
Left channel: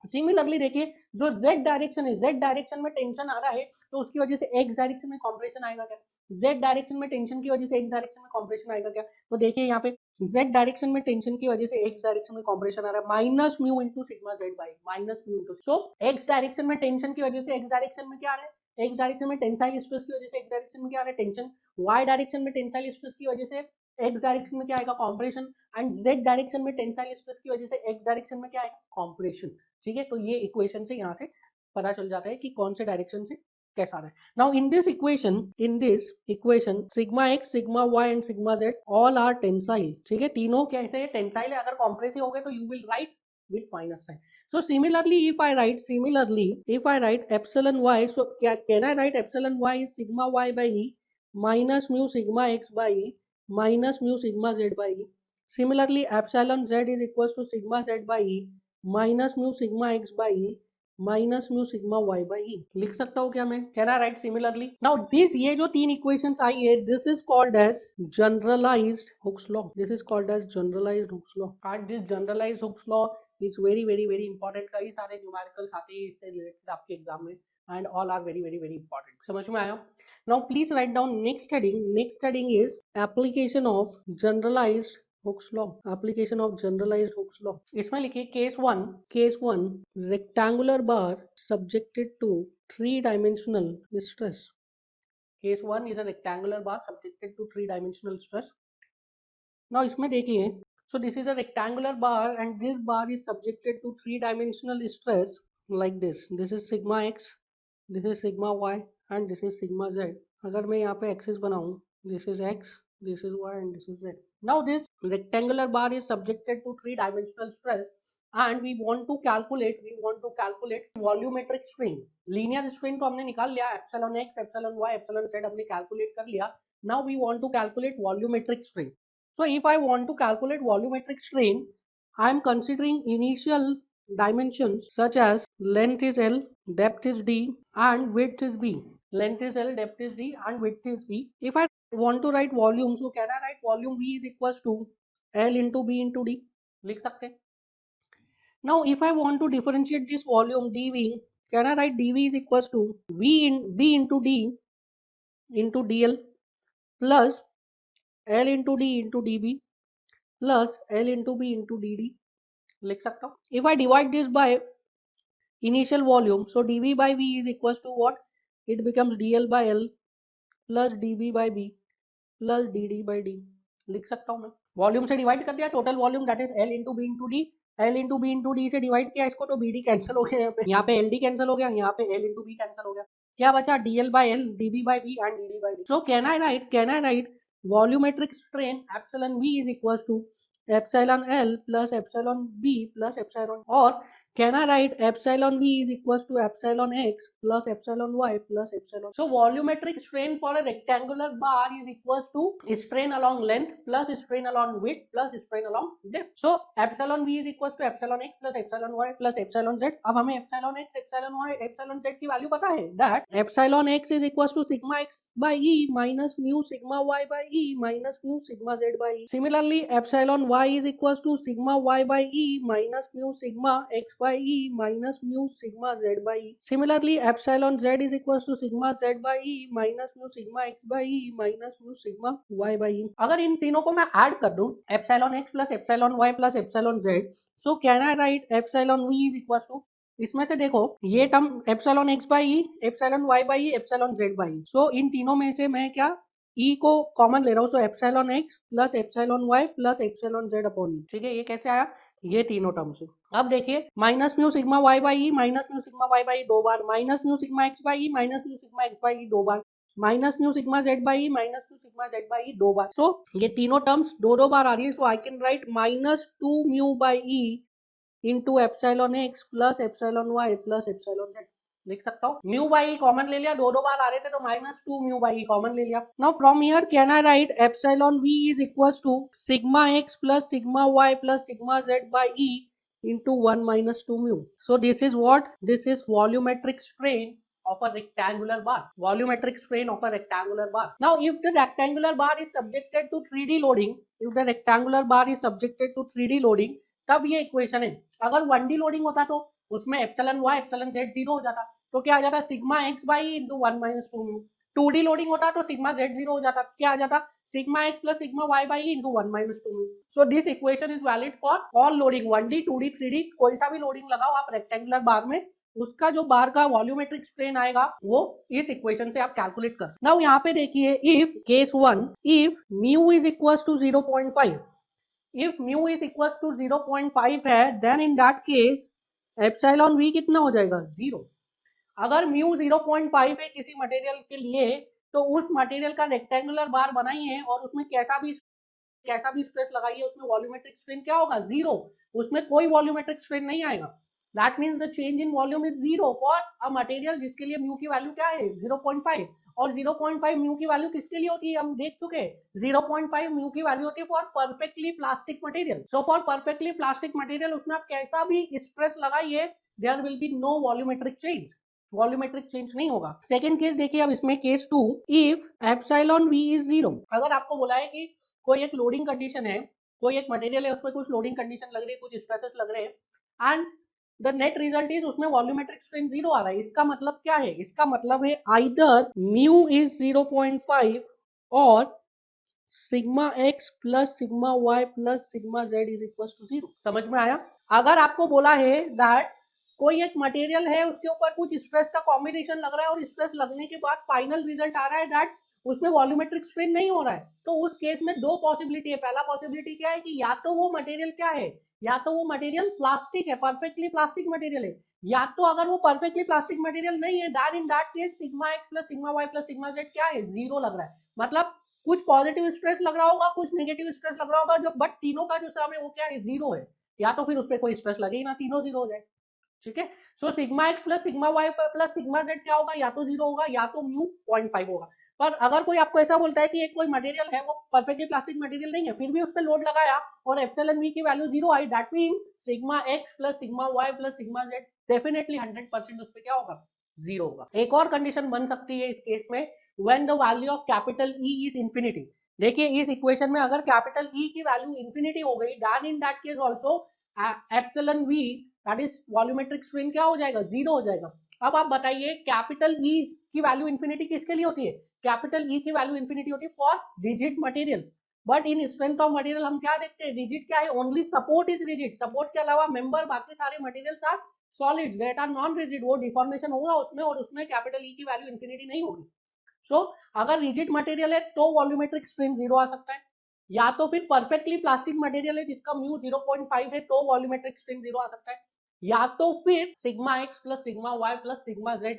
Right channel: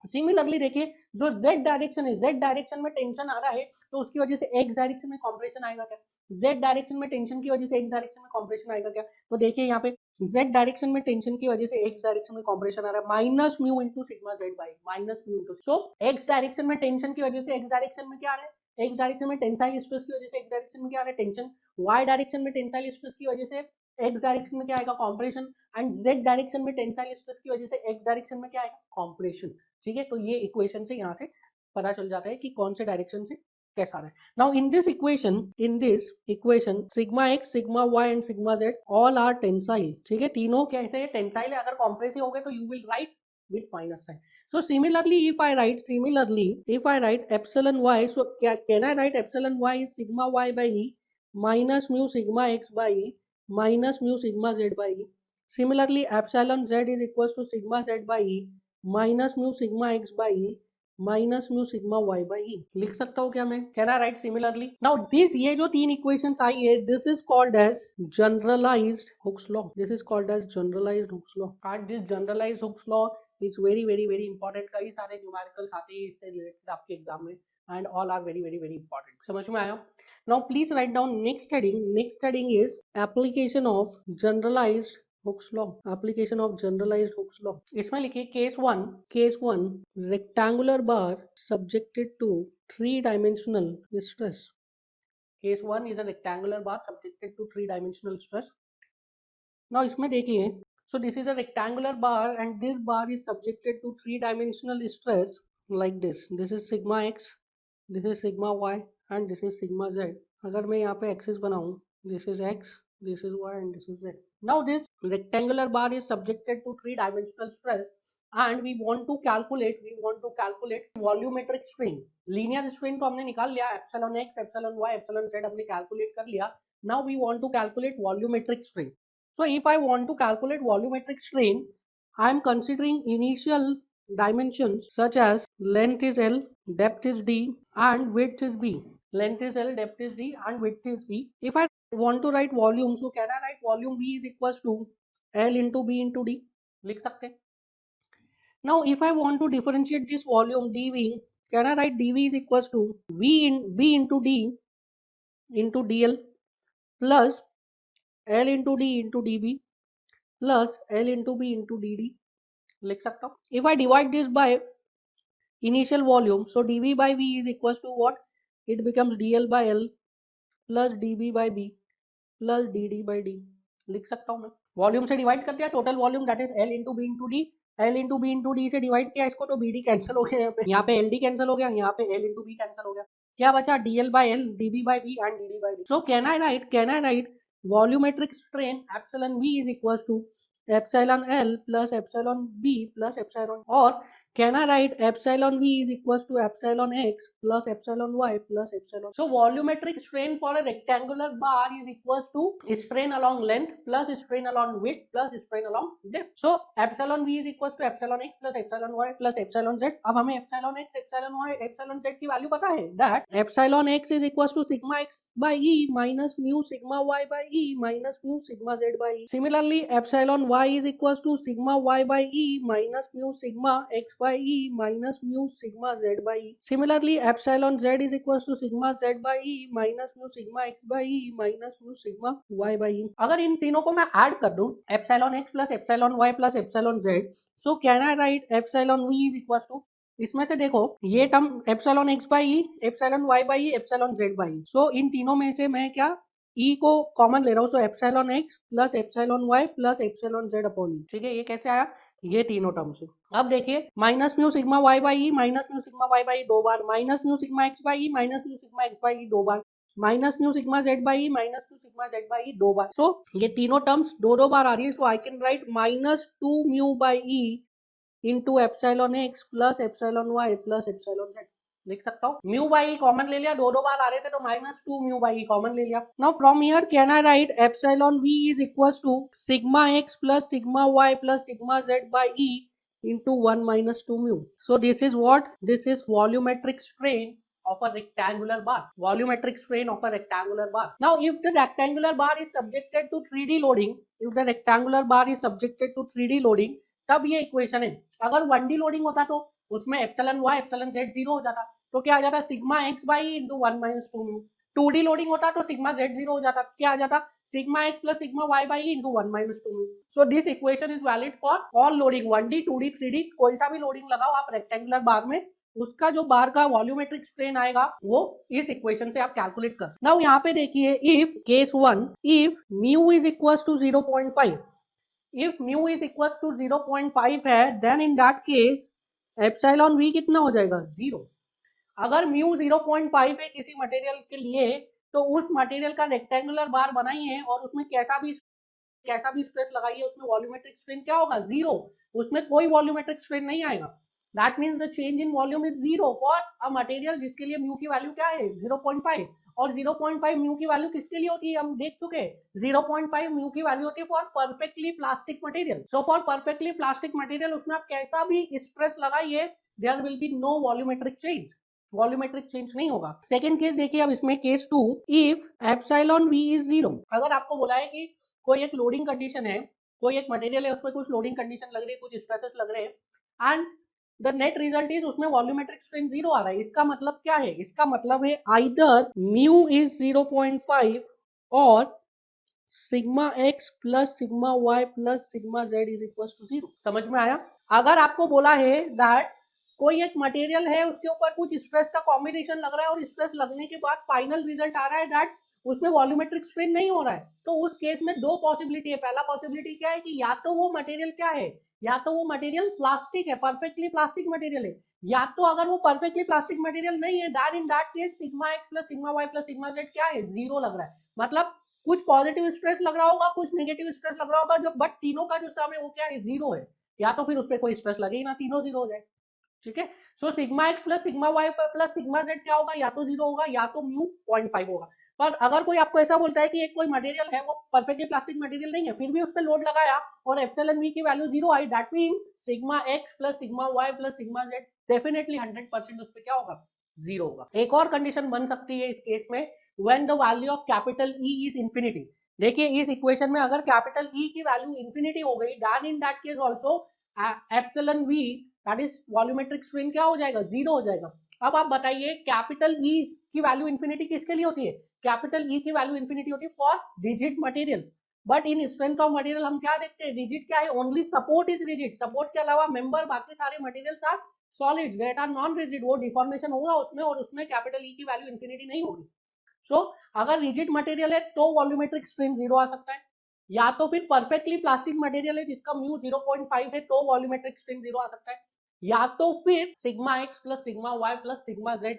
सिमिलरली देखिए जो z डायरेक्शन है, z डायरेक्शन में टेंशन आ रहा है तो उसकी वजह से x डायरेक्शन में कॉम्प्रेशन आएगा क्या, z डायरेक्शन में टेंशन की वजह से x डायरेक्शन में कॉम्प्रेशन आएगा क्या। तो देखिए यहाँ पे z डायरेक्शन में टेंशन की वजह से x डायरेक्शन में कॉम्प्रेशन आ रहा है, minus mu into sigma Z by minus mu into, so x direction में टेंशन की वजह से x डायरेक्शन में क्या आ रहा है, x डायरेक्शन में टेंसाइल स्ट्रेस की वजह से x डायरेक्शन में क्या आ रहा है, टेंशन, y डायरेक्शन में टेंसाइल स्ट्रेस की वजह से x डायरेक्शन में क्या आएगा, कॉम्प्रेशन, एंड z डायरेक्शन में टेंसाइल स्ट्रेस की वजह से x डायरेक्शन में क्या आएगा, कॉम्प्रेशन। ठीक है, तो ये इक्वेशन से यहाँ से पता चल जाता है कि कौन से डायरेक्शन से कैसा है। Now in this equation sigma x, sigma y and sigma z all are tensile. ठीक है, तीनों कैसे है, टेंसाइल है। अगर कॉम्प्रेसिव हो गए तो you will write with minus sign. So similarly if I write epsilon y, so can I write epsilon y is sigma y by e minus mu sigma x by e minus mu sigma z by e. Similarly epsilon z is equals to sigma z by e minus mu sigma X by minus mu sigma Y by E, लिख सकता हूँ क्या मैं, can I write similarly. Now this, ये जो तीन equations आई है, this is called as generalized Hooke's law, this is called as generalized Hooke's law, and this generalized Hooke's law is very very very important. कई सारे numericals आते हैं इससे रिलेटेड आपके एग्जाम में, and all are very very very important. समझ में आया। Now please write down next heading is application of generalised Hooke's law, application of generalised Hooke's law. इसमें लिखिए case one rectangular bar subjected to three dimensional stress. Case one is a rectangular bar subjected to three dimensional stress. Now इसमें देखिए, so this is a rectangular bar and this bar is subjected to three dimensional stress like this. This is sigma x, this is sigma y and this is sigma z. अगर मैं यहाँ पे axis बनाऊँ, this is x, this is y and this is z. Now this rectangular bar is subjected to three dimensional stress and we want to calculate volumetric strain. Linear strain तो हमने निकाल लिया, epsilon x, epsilon y, epsilon z हमने calculate कर लिया. Now we want to calculate volumetric strain. So if I want to calculate volumetric strain, I am considering initial dimensions such as length is L, depth is D and width is B. Length is L, depth is D and width is B. If I want to write volume, so can I write volume V is equals to L into B into D? लिख सकते हैं. Now if I want to differentiate this volume dV, can I write dV is equals to B into D into dl plus L into D into dB plus L into B into dd, लिख सकता हूँ. If I divide this by initial volume, so dV by V is equals to what? It becomes dl by L plus dB by B plus dd by D, लिख सकता हूँ मैं. Volume से divide कर दिया, total volume that is L into B into D, L into B into D से divide किया इसको तो BD कैंसिल हो गया, यहाँ पे LD कैंसिल हो गया, यहाँ पे L इंटू बी कैंसिल हो गया, क्या बचा DL by L, DB by B and DD by D. So can I write volumetric strain epsilon V is equals to epsilon L plus epsilon B plus epsilon, or can I write epsilon V is equals to epsilon X plus epsilon Y plus epsilon. So volumetric strain for a rectangular bar is equals to strain along length plus strain along width plus strain along depth. So epsilon V is equals to epsilon X plus epsilon Y plus epsilon Z. अब हमें epsilon X, epsilon Y, epsilon Z की value पता है, that epsilon X is equals to sigma X by E minus mu sigma Y by E minus mu sigma Z by E. Similarly epsilon Y is equals to sigma Y by E minus mu sigma X by E minus mu sigma Z by E. Similarly epsilon Z is equals to sigma Z by E minus mu sigma X by E minus mu sigma Y by E. अगर इन तीनों को मैं add कर दूं, epsilon X plus epsilon Y plus epsilon Z, so can I write epsilon V is equals to, इसमें से देखो ये term epsilon X by E, epsilon Y by E, epsilon Z by, so इन तीनों में से मैं क्या ई को कॉमन ले रहा हूँ, so epsilon X plus epsilon Y plus epsilon Z upon E. ठीक है, ये कैसे आया, ये तीनों टर्म से. अब देखिए minus mu sigma Y by E, minus mu sigma Y by दो बार, minus mu sigma X by E, minus mu sigma X by E दो बार, minus mu sigma Z by E, minus mu sigma Z by E दो बार. सो ये तीनों terms दो दो बार आ रही है, so I can write minus two mu by E into epsilon x plus epsilon y plus epsilon z. लिख सकता हूँ म्यू बाई ई कॉमन ले लिया, दो बार आ रहे थे तो -2 म्यू बाई ई कॉमन ले लिया। Now from here can I write epsilon v is equals to sigma x plus sigma y plus sigma z by e into 1 minus 2 mu. So this is what? This is volumetric strain of a rectangular bar. Volumetric strain of a rectangular bar. Now if the rectangular bar is subjected to 3D loading, if the rectangular bar is subjected to 3D loading, तब ये equation है। अगर 1D loading होता तो उसमें epsilon y epsilon z 0 हो जाता, तो क्या आ जाता sigma x by into 1 minus 2 mu. 2D loading होता तो सिग्मा z 0 हो जाता, क्या आ जाता sigma x plus sigma y by into 1 minus 2 mu. So this equation is valid for all loading 1D 2D 3D, कोई सा भी लोडिंग लगाओ आप रेक्टेंगुलर बार में, उसका जो बार का वॉल्यूमेट्रिक स्ट्रेन आएगा वो इस इक्वेशन से आप कैलकुलेट कर। नाउ यहाँ पे देखिए if case 1 if mu is equals to 0.5, if mu is equals to 0.5 है then in that case epsilon v कितना हो जाएगा 0। अगर म्यू 0.5 है किसी मटेरियल के लिए तो उस मटेरियल का रेक्टेंगुलर बार बनाइए और उसमें कैसा भी स्ट्रेस लगाइए उसमें वॉल्यूमेट्रिक स्ट्रेन क्या होगा 0, उसमें कोई वॉल्यूमेट्रिक स्ट्रेन नहीं आएगा। That means the change in volume is 0 for a material जिसके लिए म्यू की वैल्यू क्या है 0.5, और 0.5 म्यू की वैल्यू किसके लिए होती है हम देख चुके हैं, 0.5 म्यू की वैल्यू होती है for perfectly plastic material. So for perfectly plastic material उसमें आप कैसा भी स्ट्रेस लगाइए there will be no volumetric change, volumetric change नहीं होगा। सेकंड केस देखिए अब इसमें case 2 if epsilon v is 0, अगर आपको बोला है कि कोई एक लोडिंग कंडीशन है, कोई एक मटेरियल है उसमें कुछ लोडिंग कंडीशन लग रही है, कुछ स्ट्रेसेस लग रहे हैं and the net result is उसमें वॉल्यूमेट्रिक स्ट्रेन 0 आ रहा है, इसका मतलब क्या है, इसका मतलब है आइदर म्यू इज 0.5 और sigma x plus sigma y plus sigma z is equal to 0। समझ में आया? अगर आपको बोला है दैट कोई एक मटेरियल है उसके ऊपर कुछ स्ट्रेस का कॉम्बिनेशन लग रहा है और स्ट्रेस लगने के बाद फाइनल रिजल्ट आ रहा है दैट उसमें वॉल्यूमेट्रिक स्ट्रेन नहीं हो रहा है, तो उस केस में दो पॉसिबिलिटी है। पहला पॉसिबिलिटी क्या है कि या तो वो मटेरियल क्या है, या तो वो मटेरियल प्लास्टिक है, परफेक्टली प्लास्टिक मटेरियल है, या तो अगर वो परफेक्टली प्लास्टिक मटेरियल नहीं है that in that case sigma x plus sigma y plus sigma z क्या है 0 लग रहा है। मतलब कुछ पॉजिटिव स्ट्रेस लग रहा होगा, कुछ नेगेटिव स्ट्रेस लग रहा होगा, जो बट तीनों का जो सम है वो क्या है 0 है, या तो फिर उस पर कोई स्ट्रेस लगे ही ना, तीनों 0 हो जाए। ठीक है, so sigma x plus sigma y plus sigma z क्या होगा, या तो 0 होगा या तो म्यू 0.5 होगा। पर अगर कोई आपको ऐसा बोलता है कि एक कोई मटेरियल है वो परफेक्टली प्लास्टिक मटेरियल नहीं है फिर भी उस पर लोड लगाया और एप्सिलॉन v की value 0 I, that means sigma x plus sigma y plus sigma z definitely 100% उस पे क्या होगा 0 होगा। एक और कंडीशन बन सकती है इस केस में when the value of capital E is infinity. देखिए इस इक्वेशन में अगर कैपिटल E की वैल्यू इंफिनिटी हो गई then in that case also epsilon v that is volumetric strain क्या हो जाएगा 0 हो जाएगा। अब आप बताइए कैपिटल E की वैल्यू इंफिनिटी किसके लिए होती है, कैपिटल E की वैल्यू इंफिनिटी होती है for rigid materials, but in strength of material हम क्या देखते हैं रिजिड क्या है, only support is rigid, support के अलावा मेंबर बाकी सारे materials are solids that are non rigid, वो डिफॉर्मेशन होगा उसमें और उसमें कैपिटल E की वैल्यू इंफिनिटी नहीं होगी। सो अगर रिजिड मटेरियल है तो वॉल्यूमेट्रिक स्ट्रेन 0 आ सकता है, या तो फिर परफेक्टली प्लास्टिक मटेरियल है जिसका म्यू 0.5 है तो वॉल्यूमेट्रिक स्ट्रेन 0 आ सकता है, या तो फिर sigma x plus sigma y plus sigma z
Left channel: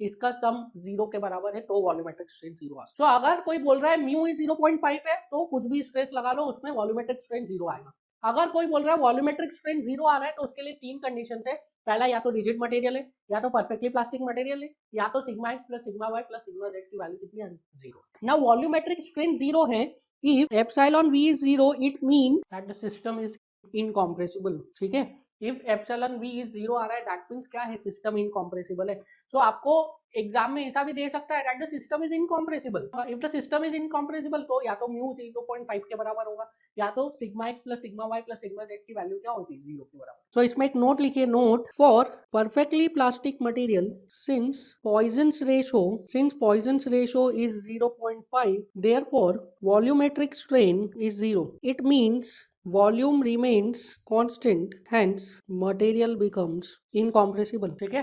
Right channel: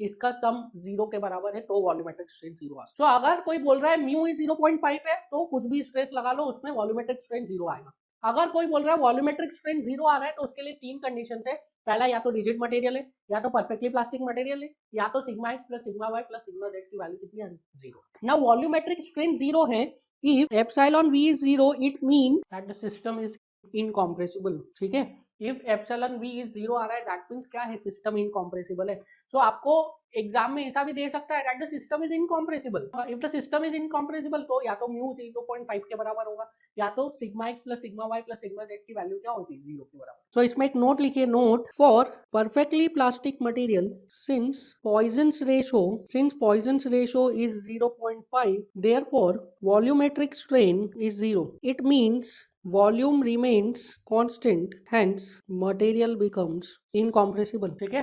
इसका सम 0 के बराबर है तो वॉल्यूमेट्रिक स्ट्रेन 0 आ सकता है। तो अगर कोई बोल रहा है म्यू 0.5 है तो कुछ भी स्ट्रेस लगा लो उसमें वॉल्यूमेट्रिक स्ट्रेन 0 आएगा। अगर कोई बोल रहा है वॉल्यूमेट्रिक स्ट्रेन 0 आ रहा है तो उसके लिए तीन कंडीशन है, पहला या तो रिजिड मटेरियल है, या तो परफेक्टली प्लास्टिक मटेरियल है, या तो sigma x plus sigma y plus sigma z की वैल्यू कितनी आ रही है 0। नाउ वॉल्यूमेट्रिक स्ट्रेन 0 है, if epsilon v is 0 it means that the system is incompressible. ठीक है, इफ एप्सिलॉन v इज 0 आ रहा है दैट मींस क्या है सिस्टम इनकॉम्प्रेसिबल है। सो आपको एग्जाम में ऐसा भी दे सकता है that the system is incompressible, if the system is incompressible तो या तो म्यू 0.5 के बराबर होगा, या तो sigma x plus sigma y plus sigma z की वैल्यू क्या होगी 0 के बराबर। सो इसमें एक नोट लिखिए, note for perfectly plastic material since Poisson's ratio is 0.5 therefore volumetric strain is 0, it means volume remains constant hence material becomes incompressible। ठीक है,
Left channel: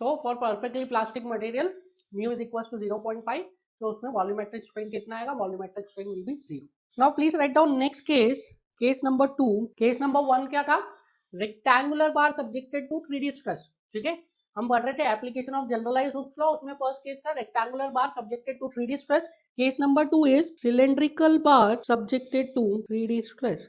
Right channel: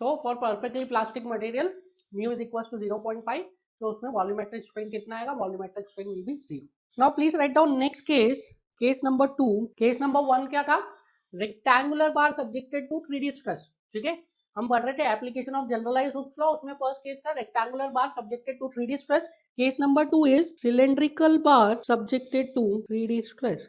so for perfectly plastic material mu is equals to 0.5 तो उसमें volumetric strain कितना आएगा, volumetric strain will be 0। Now please write down next case, case number 2। Case number 1 क्या था, rectangular bar subjected to 3D stress. ठीक है, हम पढ़ रहे थे application of generalised Hooke flow, उसमें फर्स्ट केस था rectangular bar subjected to 3D stress. Case number 2 is cylindrical bar subjected to 3D stress.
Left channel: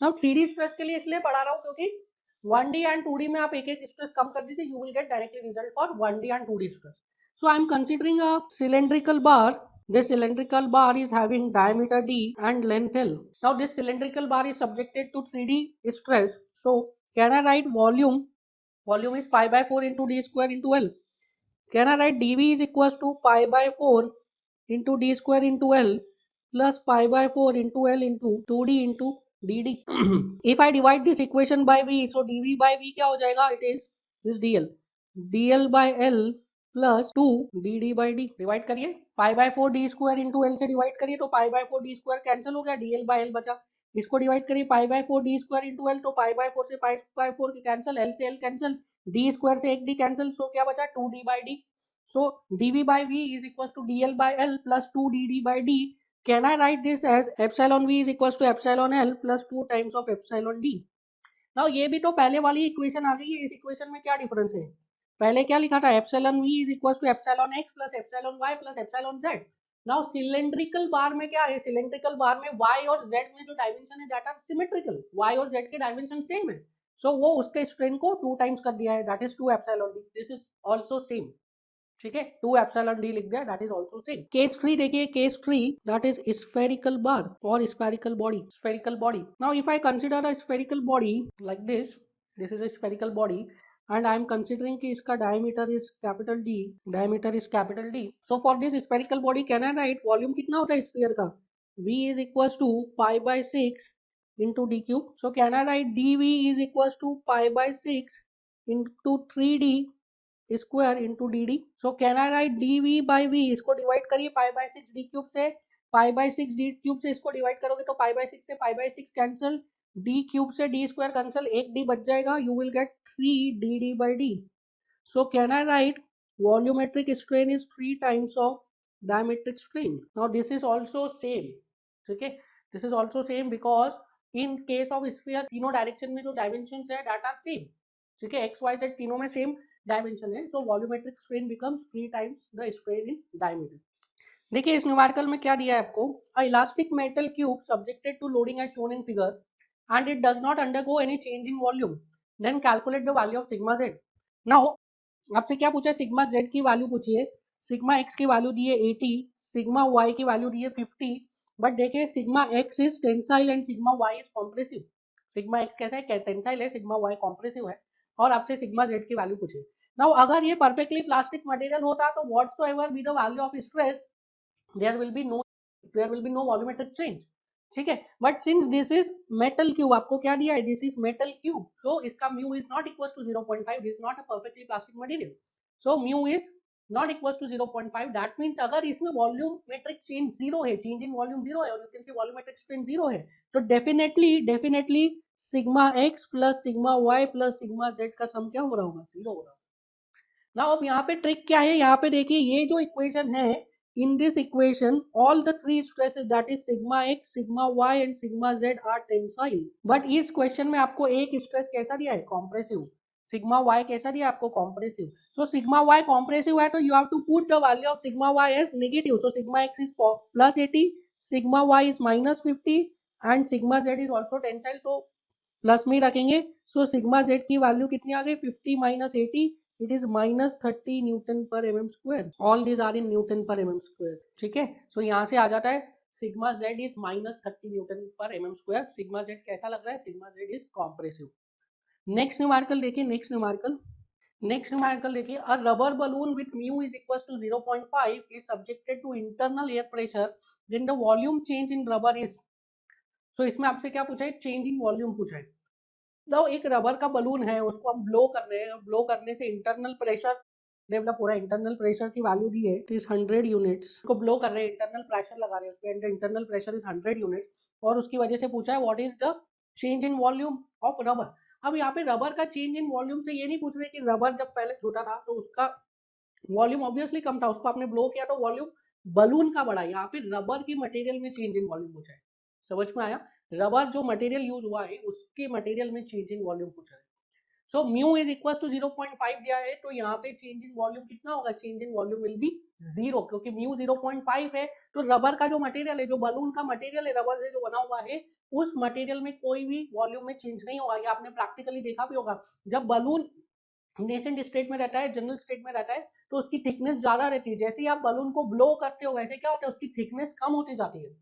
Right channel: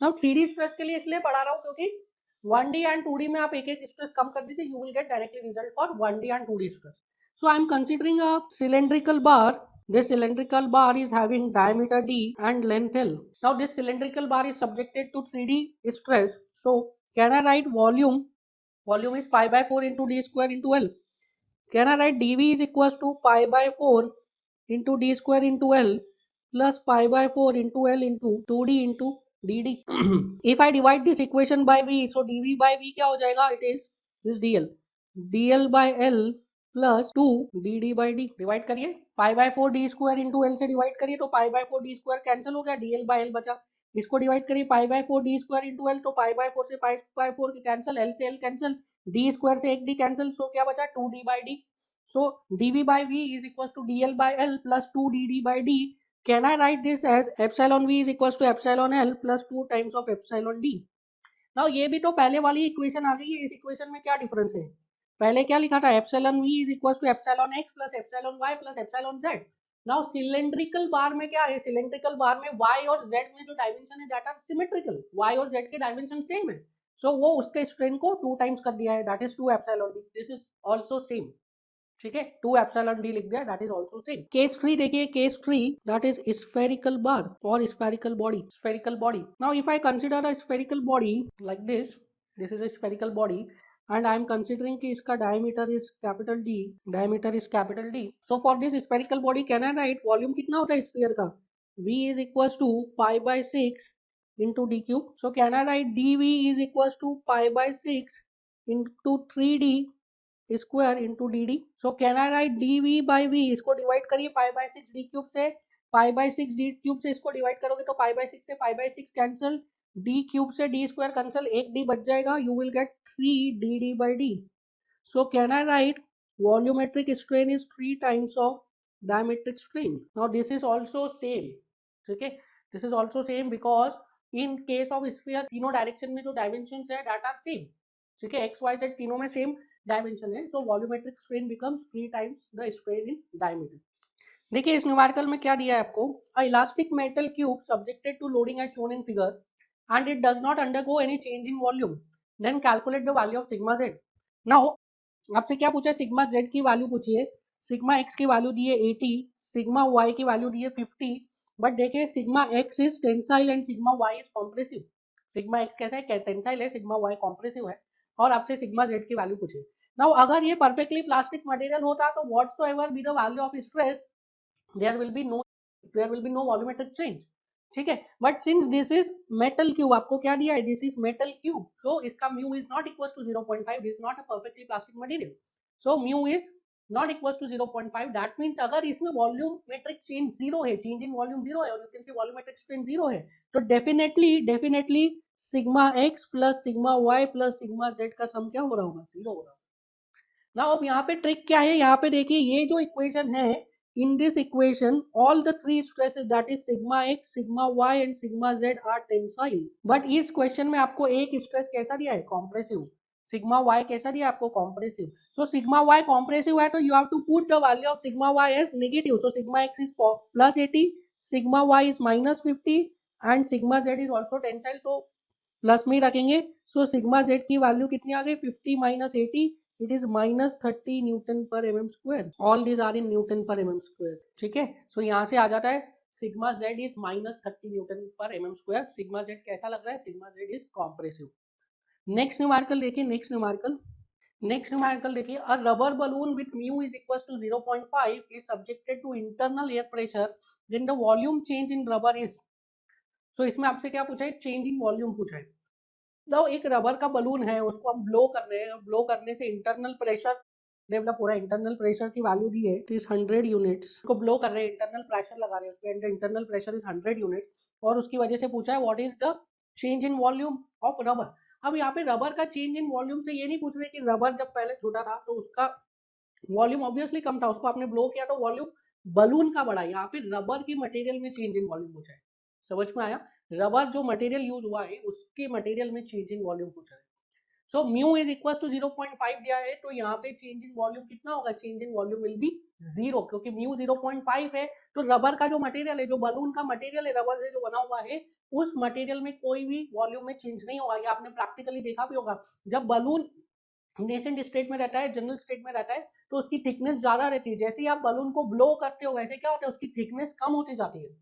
Now 3D stress के लिए इसलिए पढ़ा रहा हूं क्योंकि 1D and 2D में आप एक एक स्ट्रेस कम कर दीजिए, you will get directly result for 1D and 2D stress. So I am considering a cylindrical bar. This cylindrical bar is having diameter D and length L. Now this cylindrical bar is subjected to 3D stress. So can I write volume? Volume is pi by 4 into D square into L. Can I write dV is equals to pi by 4 into D square into L plus pi by 4 into L into 2D into dd. If I divide this equation by V, so dV by V क्या हो जाएगा? It is this dl. dl by L plus 2 dd by d. Divide करिए, pi by 4 d square into L से divide करिए तो pi by 4 d square cancel हो गया, dl by L बचा. इसको डिवाइड करिए pi by 4 d square into L तो pi by 4 से pi by 4 की कैंसिल, L से L कैंसिल, d square से एक d कैंसिल, सो क्या बचा 2d by d. So dv by v is equals to dl by L plus 2 dd by d. Can I write this as epsilon v is equals to epsilon L plus 2 times of epsilon d. Now ये भी तो पहले वाली equation आ गई है, इस equation में क्या डिफरेंस है? पहले क्या लिखा था? epsilon v is equals to epsilon x plus epsilon y plus epsilon z. Now cylindrical bar में क्या है? सिलेंड्रिकल बार में y और z में जो डायमेंशन है दैट आर सिमेट्रिकल, y और z के डायमेंशन सेम है, सो वो उसके स्ट्रेन को 2 टाइम्स कर दिया है, that is 2 epsilon d. This is also same. ठीक है, 2 एप्सिलॉन डी लिख दिया, that is also same. Case 3 देखिए, केस 3 दैट इज स्फेरिकल बार और spherical body. Spherical body, now if I consider a spherical body like this is a spherical body and I am considering कि इसका diameter is capital D, diameter is capital D. So for this spherical body can I write volume कितना होता है sphere का? V is equals to pi by 6 into d cube. So can I write dV is equals to pi by 6 into 3D square into D D. So can I write D V by V, इसको divide करिए pi by six D cube से, pi by six D cube से इसको divide करोगे तो pi by six से pi by six cancel, D cube से D square cancel, एक डी बच जाएगा, you will get 3 D D by D. So can I write volumetric strain is 3 times of diametric strain. Now this is also same. ठीक है, this is also same because in case of sphere तीनों direction में जो dimension है that are same. ठीक है, x Y Z तीनों में सेम डायमेंशन है, so volumetric strain becomes 3 times the strain in diameter. देखिए इस न्यूमेरिकल में क्या दिया है आपको, a elastic metal cube subjected to loading as shown in figure and it does not undergo any change in volume, then calculate the value of sigma Z. Now आपसे क्या पूछे, सिग्मा जेड की value पूछिए. Sigma X की value दी है 80, sigma Y की value दी है 50, बट देखिए sigma x is tensile and sigma y is compressive. Sigma x कैसा है, टेंसाइल है, सिग्मा वाई कॉम्प्रेसिव है, और आपसे सिग्मा जेड की वैल्यू पूछे. नाउ अगर ये परफेक्टली प्लास्टिक मटेरियल होता तो whatsoever be the value of stress there will be no there will be no volumetric change. ठीक है, but since this is metal cube, आपको क्या दिया है, this is metal cube, so इसका mu is not equal to 0.5, this is not a perfectly plastic material, so mu is not equal to 0.5. That means अगर इसमें volumetric change zero है, change in volume zero है, और you can see volumetric strain zero है, तो definitely sigma x plus sigma y plus sigma Z का सम क्या हो रहा होगा, जीरो हो रहा होगा. ना अब यहाँ पे ट्रिक क्या है, यहाँ पे देखिए ये जो इक्वेशन है, in this equation all the three stresses that is sigma x sigma y and sigma z are tensile. but इस क्वेश्चन में आपको एक स्ट्रेस कैसा दिया है, कॉम्प्रेसिव. सिग्मा y कैसा दिया है आपको, compressive. So sigma y compressive है तो you have to put the value of sigma y as negative. So sigma x is plus 80, sigma y is minus 50 and sigma z is also tensile, तो plus में ही रखेंगे. So sigma Z की value कितनी आ गई, 50 minus 80, it is minus 30 newton per m m square. All these are in newton per m m square. ठीक है, सो यहाँ से आ जाता है sigma z is minus 30 newton per m m square. Sigma z कैसा लग रहा है, sigma z is compressive. Next numerical देखिए, नेक्स्ट न्यूमेरिकल देखिए, a rubber balloon with mu is equal to 0.5 is subjected to internal air pressure when the volume change in rubber is. So इसमें आपसे क्या पूछा है, चेंज इन वॉल्यूम पूछा है. तो एक रबर का बलून है, उसको हम ब्लो कर रहे हैं, ब्लो करने से इंटरनल प्रेशर डेवलप हो रहा है. इंटरनल प्रेशर की वैल्यू दी है कि 100 यूनिट्स को ब्लो कर रहे हैं, इंटरनल प्रेशर लगा रहे हैं उसके, इंटरनल प्रेशर इज 100 यूनिट्स, और उसकी वजह से पूछा है what is the change in volume of rubber. अब यहाँ पे रबर का चेंज इन वॉल्यूम से ये नहीं पूछ रहे कि रबर जब पहले छोटा था तो उसका वॉल्यूम ऑब्वियसली कम था, उसको आपने ब्लो किया तो वॉल्यूम बलून का बढ़ा. यहाँ पे रबर की मटेरियल में चेंज इन वॉल्यूम पूछा है. समझ में आया, रबर जो मटेरियल यूज हुआ है उसके मटेरियल में चेंज इन वॉल्यूम पूछा है. So mu is equal to 0.5 दिया है, तो यहाँ पे चेंज इन वॉल्यूम कितना होगा, change in volume will be zero, क्योंकि म्यू 0.5 है. तो रबर का जो मटेरियल है, जो बलून का मटेरियल है रबर से जो बना हुआ है, उस मटेरियल में कोई भी वॉल्यूम में चेंज नहीं होगा। ये आपने प्रैक्टिकली देखा भी होगा, जब बलून नेसेंट स्टेट में रहता है, जनरल स्टेट में रहता है, तो उसकी थिकनेस ज्यादा रहती है। जैसे ही आप बलून को ब्लो करते हो वैसे क्या होता है, उसकी थिकनेस कम होती जाती है।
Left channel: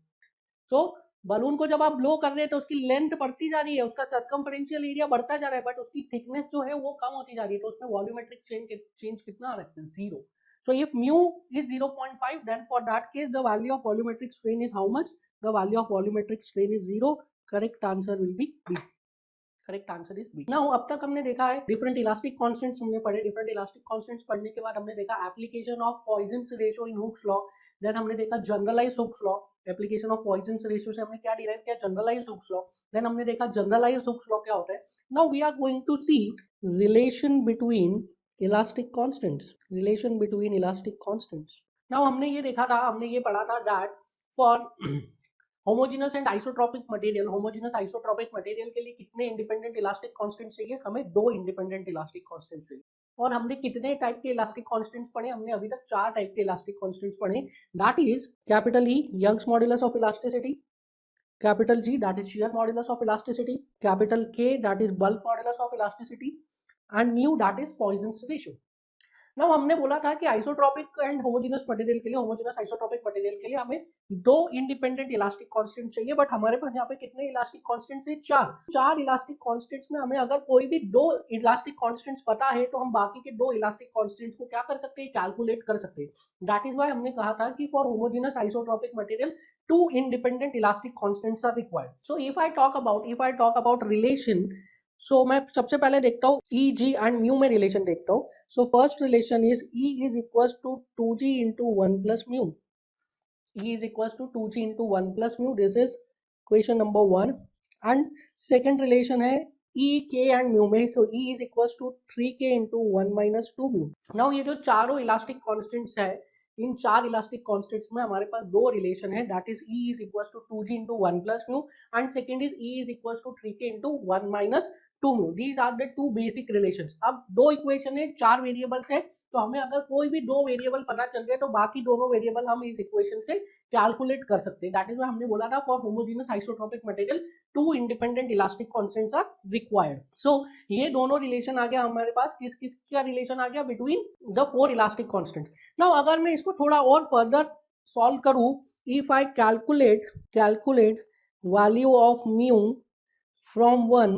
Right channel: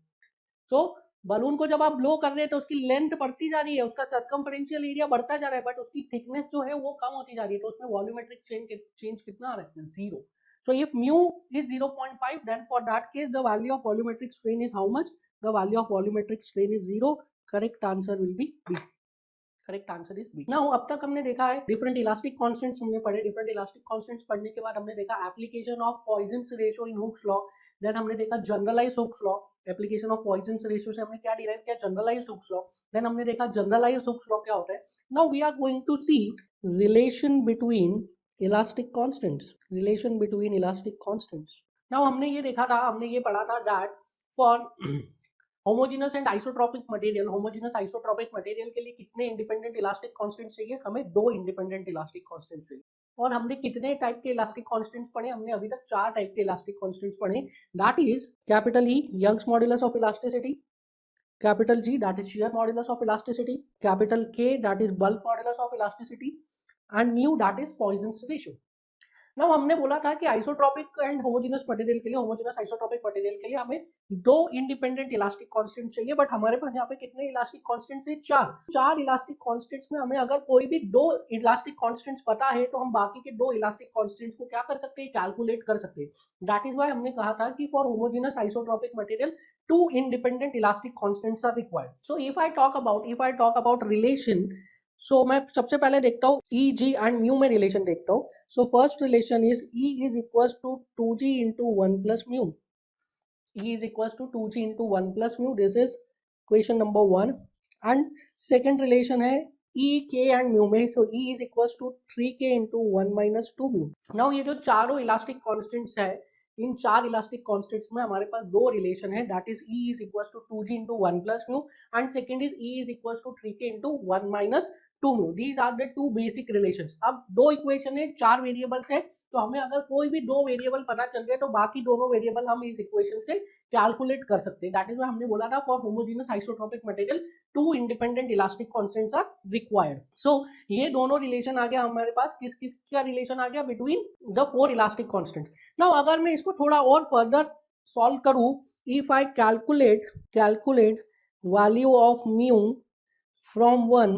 तो बलून को जब आप ब्लो कर रहे हैं तो उसकी लेंथ बढ़ती जा रही है, उसका सर्कमफेरेंशियल एरिया बढ़ता जा रहा है, बट उसकी थिकनेस जो है वो कम होती जा रही है। तो उसमें वॉल्यूमेट्रिक चेंज कितना आ रहा है, 0। So if mu is 0.5, then for that case the value of volumetric strain is how much? The value of volumetric strain is 0. Correct answer will be B. Correct answer is B. Now अब तक हमने देखा है different elastic constants हमने पढ़े। Different elastic constants पढ़ने के बाद हमने देखा application of Poisson's ratio in Hooke's law. Then हमने देखा generalised Hooke's law. Application of Poisson's ratio से हमने क्या डिराइव किया, जनरलाइज्ड हुक्स लॉ। देन हमने देखा जनरलाइज्ड हुक्स लॉ क्या होता है। Now we are going to see relation between elastic constants. Relation between elastic constants. Now हमने ये देखा था, हमने ये पढ़ा था that for homogeneous and isotropic material, homogeneous isotropic material के लिए कितने इंडिपेंडेंट इलास्टिक कांस्टेंट चाहिए, हमें 2 इंडिपेंडेंट इलास्टिक कांस्टेंट चाहिए। और हमने कितने टाइप के इलास्टिक कांस्टेंट्स पढ़े, हमने अभी तक 4 टाइप के इलास्टिक कांस्टेंट्स पढ़े। That is capital E Young's modulus of elasticity, capital G that is shear modulus of elasticity, capital K that is bulk modulus of elasticity and mu that is Poisson's ratio. ना हमने बोला था कि isotropic and homogeneous material के लिए, homogeneous isotropic material के लिए हमें 2 इंडिपेंडेंट इलास्टिक कांस्टेंट चाहिए, बट हमारे पास यहाँ पे कितने इलास्टिक कांस्टेंट्स है, 4 इलास्टिक कांस्टेंट्स में हमें अगर कोई भी 2 इलास्टिक कांस्टेंट्स पता है तो हम बाकी के 2 इलास्टिक कांस्टेंट्स को क्या कर सकते हैं, कैलकुलेट कर सकते हैं। दैट इज व्हाई हमने कहा था कि for homogeneous isotropic material 2 independent elastic constants are required. So if I talk about relation, so मैं सबसे पहले देखता हूँ E, G and mu में रिलेशन देखता हूँ। So first relation is E is equals to 2G into 1 plus mu. E is equals to 2G into 1 plus mu. This is equation number 1. And second relation है E, K and mu में. So E is equals to 3K into 1 minus 2 mu. Now ये जो चारों elastic constants है, इन 4 elastic constants में हमारे पास 2 relation है, that is E is equals to 2G into 1 plus mu and second is E is equals to 3K into 1 minus 2 mu. These are the 2 basic relations. अब 2 equation है, 4 variables है, तो हमें अगर कोई भी 2 वेरिएबल पता चल गए तो बाकी दोनों वेरिएबल हम इस इक्वेशन से कैलकुलेट कर सकते हैं। दैट इज व्हाई हमने बोला था for homogeneous isotropic material 2 independent elastic constants are required. So ये दोनों रिलेशन आ गया हमारे पास, किस किस का रिलेशन आ गया, between the 4 elastic constants. Now अगर मैं इसको थोड़ा और फर्दर सॉल्व करूं, if I calculate value of mu from 1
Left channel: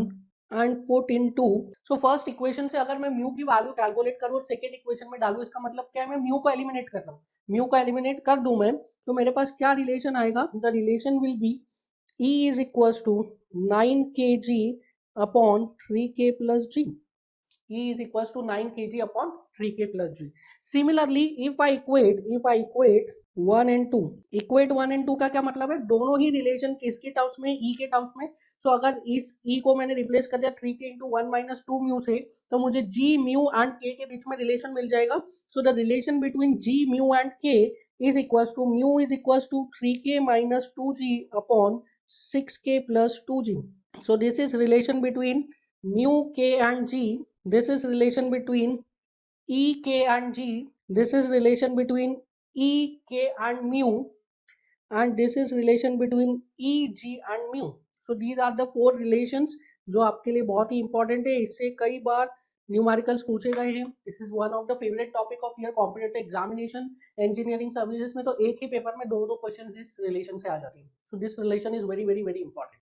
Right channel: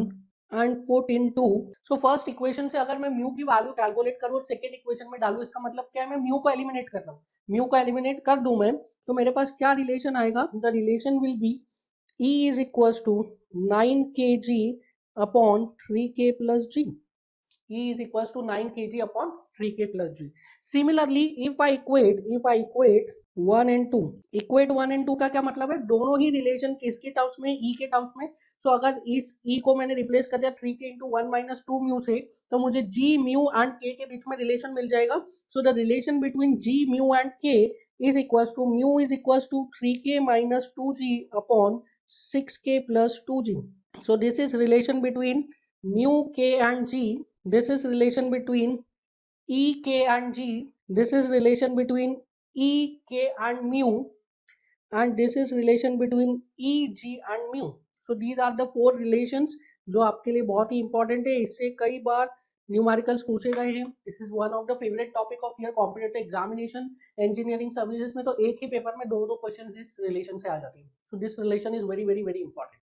and put into, so first equation से अगर मैं म्यू की वैल्यू कैलकुलेट करूं सेकंड इक्वेशन में डालूं, इसका मतलब क्या है, मैं म्यू को एलिमिनेट कर रहा हूं। म्यू को एलिमिनेट कर दूं मैं, तो मेरे पास क्या रिलेशन आएगा, the relation will be E is equals to 9 kg upon 3k plus g. E is equals to 9 kg upon 3k plus g. Similarly, if I equate 1 and 2, equate 1 and 2 का क्या मतलब है, दोनों ही रिलेशन किसके terms में, E के terms में। So अगर इस E को मैंने रिप्लेस कर दिया 3k into 1 minus 2 म्यू से, तो मुझे G म्यू एंड K के बीच में रिलेशन मिल जाएगा। So the relation between G mu and K is equals to mu is equals to 3k minus 2g upon 6k plus 2g. So this is relation between mu k and g. This is relation between e k and g. This is relation between e k and mu, and this is relation between e g and mu. So these are the 4 relations जो आपके लिए बहुत ही important है। इससे कई बार numericals पूछे गए हैं। This is one of the favourite topic of your competitive examination. Engineering services में तो एक ही पेपर में 2-2 क्वेश्चन इस रिलेशन से आ जाते हैं। So this relation is very very very important.